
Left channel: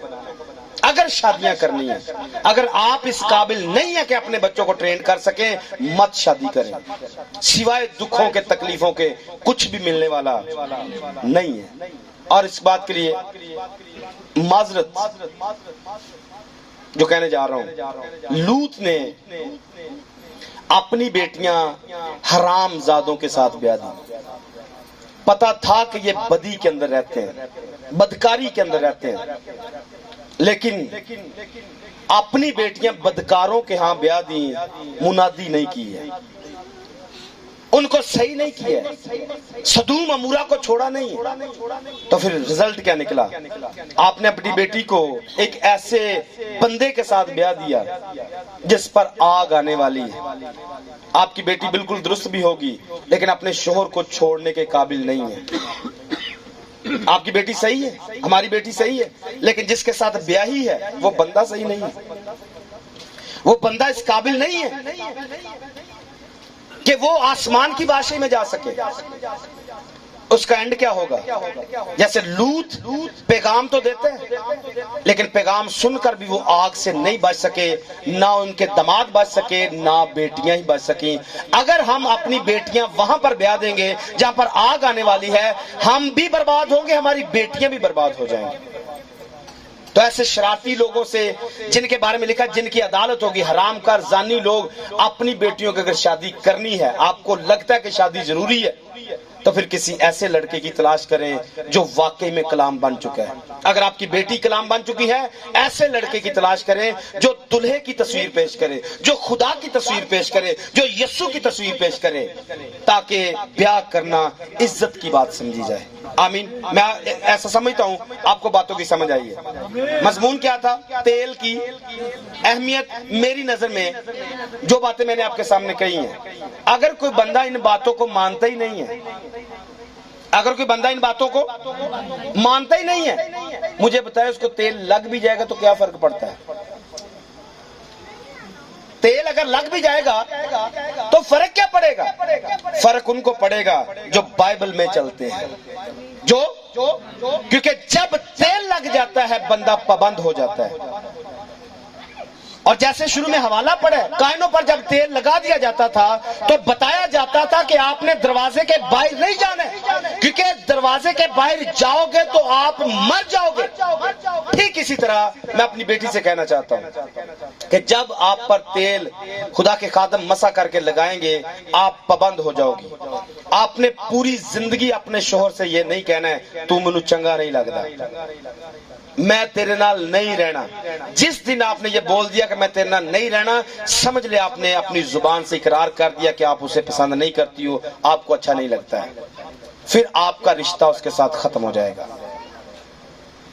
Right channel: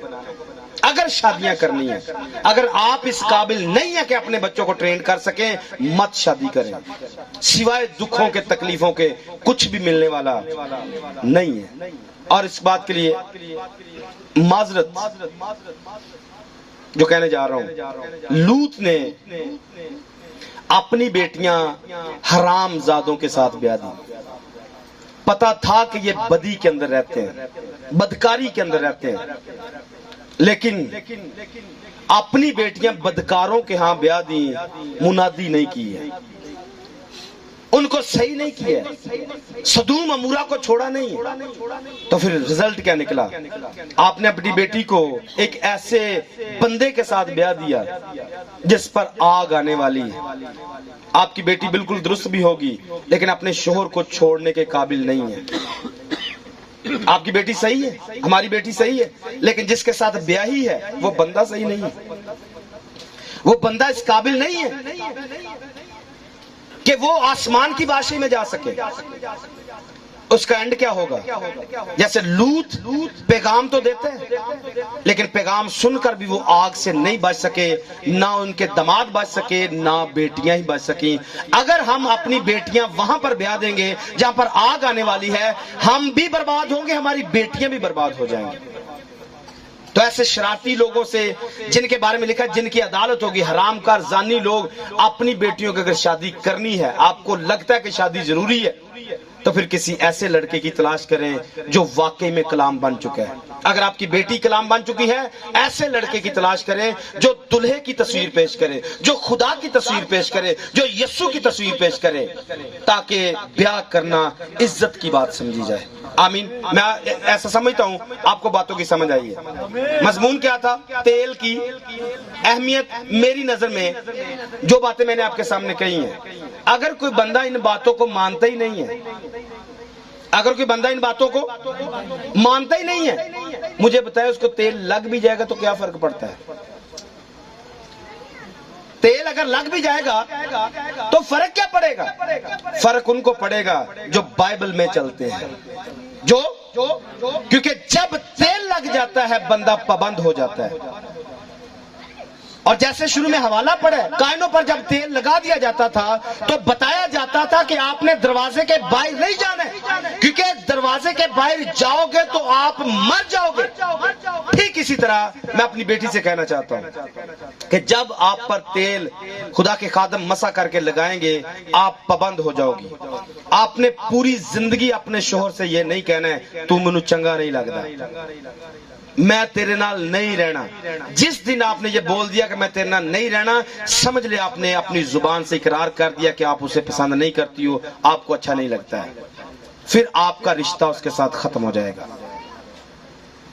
اگر شادیاں کرنی ہیں۔ اگر آپ اس قابل نہیں ہیں کہ اپنے بچوں کو ٹرین کر سکیں، مت شادی کریں، سوائے دکھوں کے تکلیفوں کے کچھ بھی ملنے والا نہیں ہے۔ اور اس بات کے لیے معذرت جو کہنے جا رہا ہوں، لوط نے اپنی بیٹیاں حرام زادوں کے ساتھ بیاہ دی، پتا تھا کہ یہ بدی کے اندر رہتے ہیں، بدکاری کے اندر رہتے ہیں، لیکن اپنی بیٹیاں بدکاروں کے ہاں بیاہ دی، منادی نہیں کی ہے، ان کو صحیح نہیں کیا ہے، سدوم عمورہ کو چھوڑا نہیں ہے۔ تو پھر رزلٹ کیا نکلا؟ آپ نے اپنی بیٹی کو ایک ایسے بندے کے ساتھ بیاہ دیا جس پر آگ آنے والی ہے۔ آپ کی بیٹی بالکل درست بھی ہوگی لیکن اپنے شوہر کو چھوڑنے کے قابل نہیں ہے۔ آپ کی بیٹی صحیح ہے، ہماری بیٹی صحیح ہے، لیکن جس کے ساتھ بیاہی ہے وہ بندہ صحیح نہیں ہے، وہ بندہ اس قابل نہیں ہے کہ وہ آسمان کی بادشاہی میں جا سکے۔ اس کا اینڈ کیا ہوگا؟ جیسے لوط پیغام تو دیتے ہیں لیکن پیغام سن کر بھی وہ آگ سے نہیں بچ سکے، نہ ان کے دماد بچ سکے، نہ بیٹیاں ہی بچ سکیں۔ اگر ہم اپنی بیٹیاں وہاں پر بیاہ دیں گے جہاں پر آگ آنے والی ہے، ہم بھی برباد ہوں گے، ہماری بیٹیاں بھی برباد ہو جائیں گی۔ تو ایسے شرارتی لوگوں سے جن کے بارے میں لکھا جن کی عدالت ہوگی، حرام کار زانی لوگ، اپنی بیٹیوں کی اگر شادی کرنی ہے، آپ کو لگتا ہے کہ شادی ضروری ہے، تو پھر کسی ایسے لڑکے کی تلاش کریں جو واقعی میں کلام بن چکا ہے۔ اگر آپ کی بیٹی کلام بن چکی ہے، ایسے لڑکے کی تلاش کریں جو دلہے کی تصویر پیش کرے، جو خدا کی تصویر پیش کرے، جو یسوع کی تصویر پیش کرے، تاکہ بیاہ کرنا عزت کی بات سمجھی جائے۔ آمین۔ میں ایسا سمجھتا ہوں آپ کو باتوں کی سمجھ آئی ہے۔ مضمون کیا تھا؟ تیل کی اہمیت۔ میری نظر میں جو باتیں میں نے آپ کے سامنے کہی ہیں، اگر کوئی بندہ ان باتوں کو مانتا ہی نہیں ہے، اگر کوئی بندہ ان باتوں کو مانتا ہی نہیں ہے، مجھے بتائے اس کو تیل لگ بھی جائے گا تو کیا فرق پڑتا ہے؟ تیل اگر لگ بھی جائے گا تو فرق کیا پڑے گا؟ فرق ان کو پڑے گا جو بائبل میں چلتے ہیں، کیونکہ جب تیل لگ جاتا ہے بندہ پابند ہو جاتا ہے۔ اور جیسے شروع میں حوالہ پڑھے، کانوں پر جب تیل لگا دیا جاتا تھا تو بتایا جاتا تھا کہ آپ نے دروازے کے باہر نہیں جانا ہے، کیونکہ دروازے کے باہر جاؤ گے تو آپ مر جاؤ گے۔ ٹھیک اسی طرح میں اپنی بیٹی سے کہنا چاہتا ہوں کہ جب آپ پر تیل خدا کے خادم مسا کر کے لگائیں گے، آپ پابند ہو جاؤ گی۔ آپ نے پوری زندگی اپنے شوہر سے یہ نہیں کہنا ہے تو مینوں چنگا نہیں لگتا، میں تیرے نال نہیں رہنا۔ جس دن آپ نے یہ بول دیا کہ میں تیرے نال نہیں رہنا، سمجھ لے آپ نے اپنی زبان سے اقرار کر دیا کہ آپ اسے پسند نہیں کرتی ہو، آپ کو اچھا نہیں لگتا ہے، پھر آپ کا رشتہ اس کے ساتھ ختم ہو جائے گا۔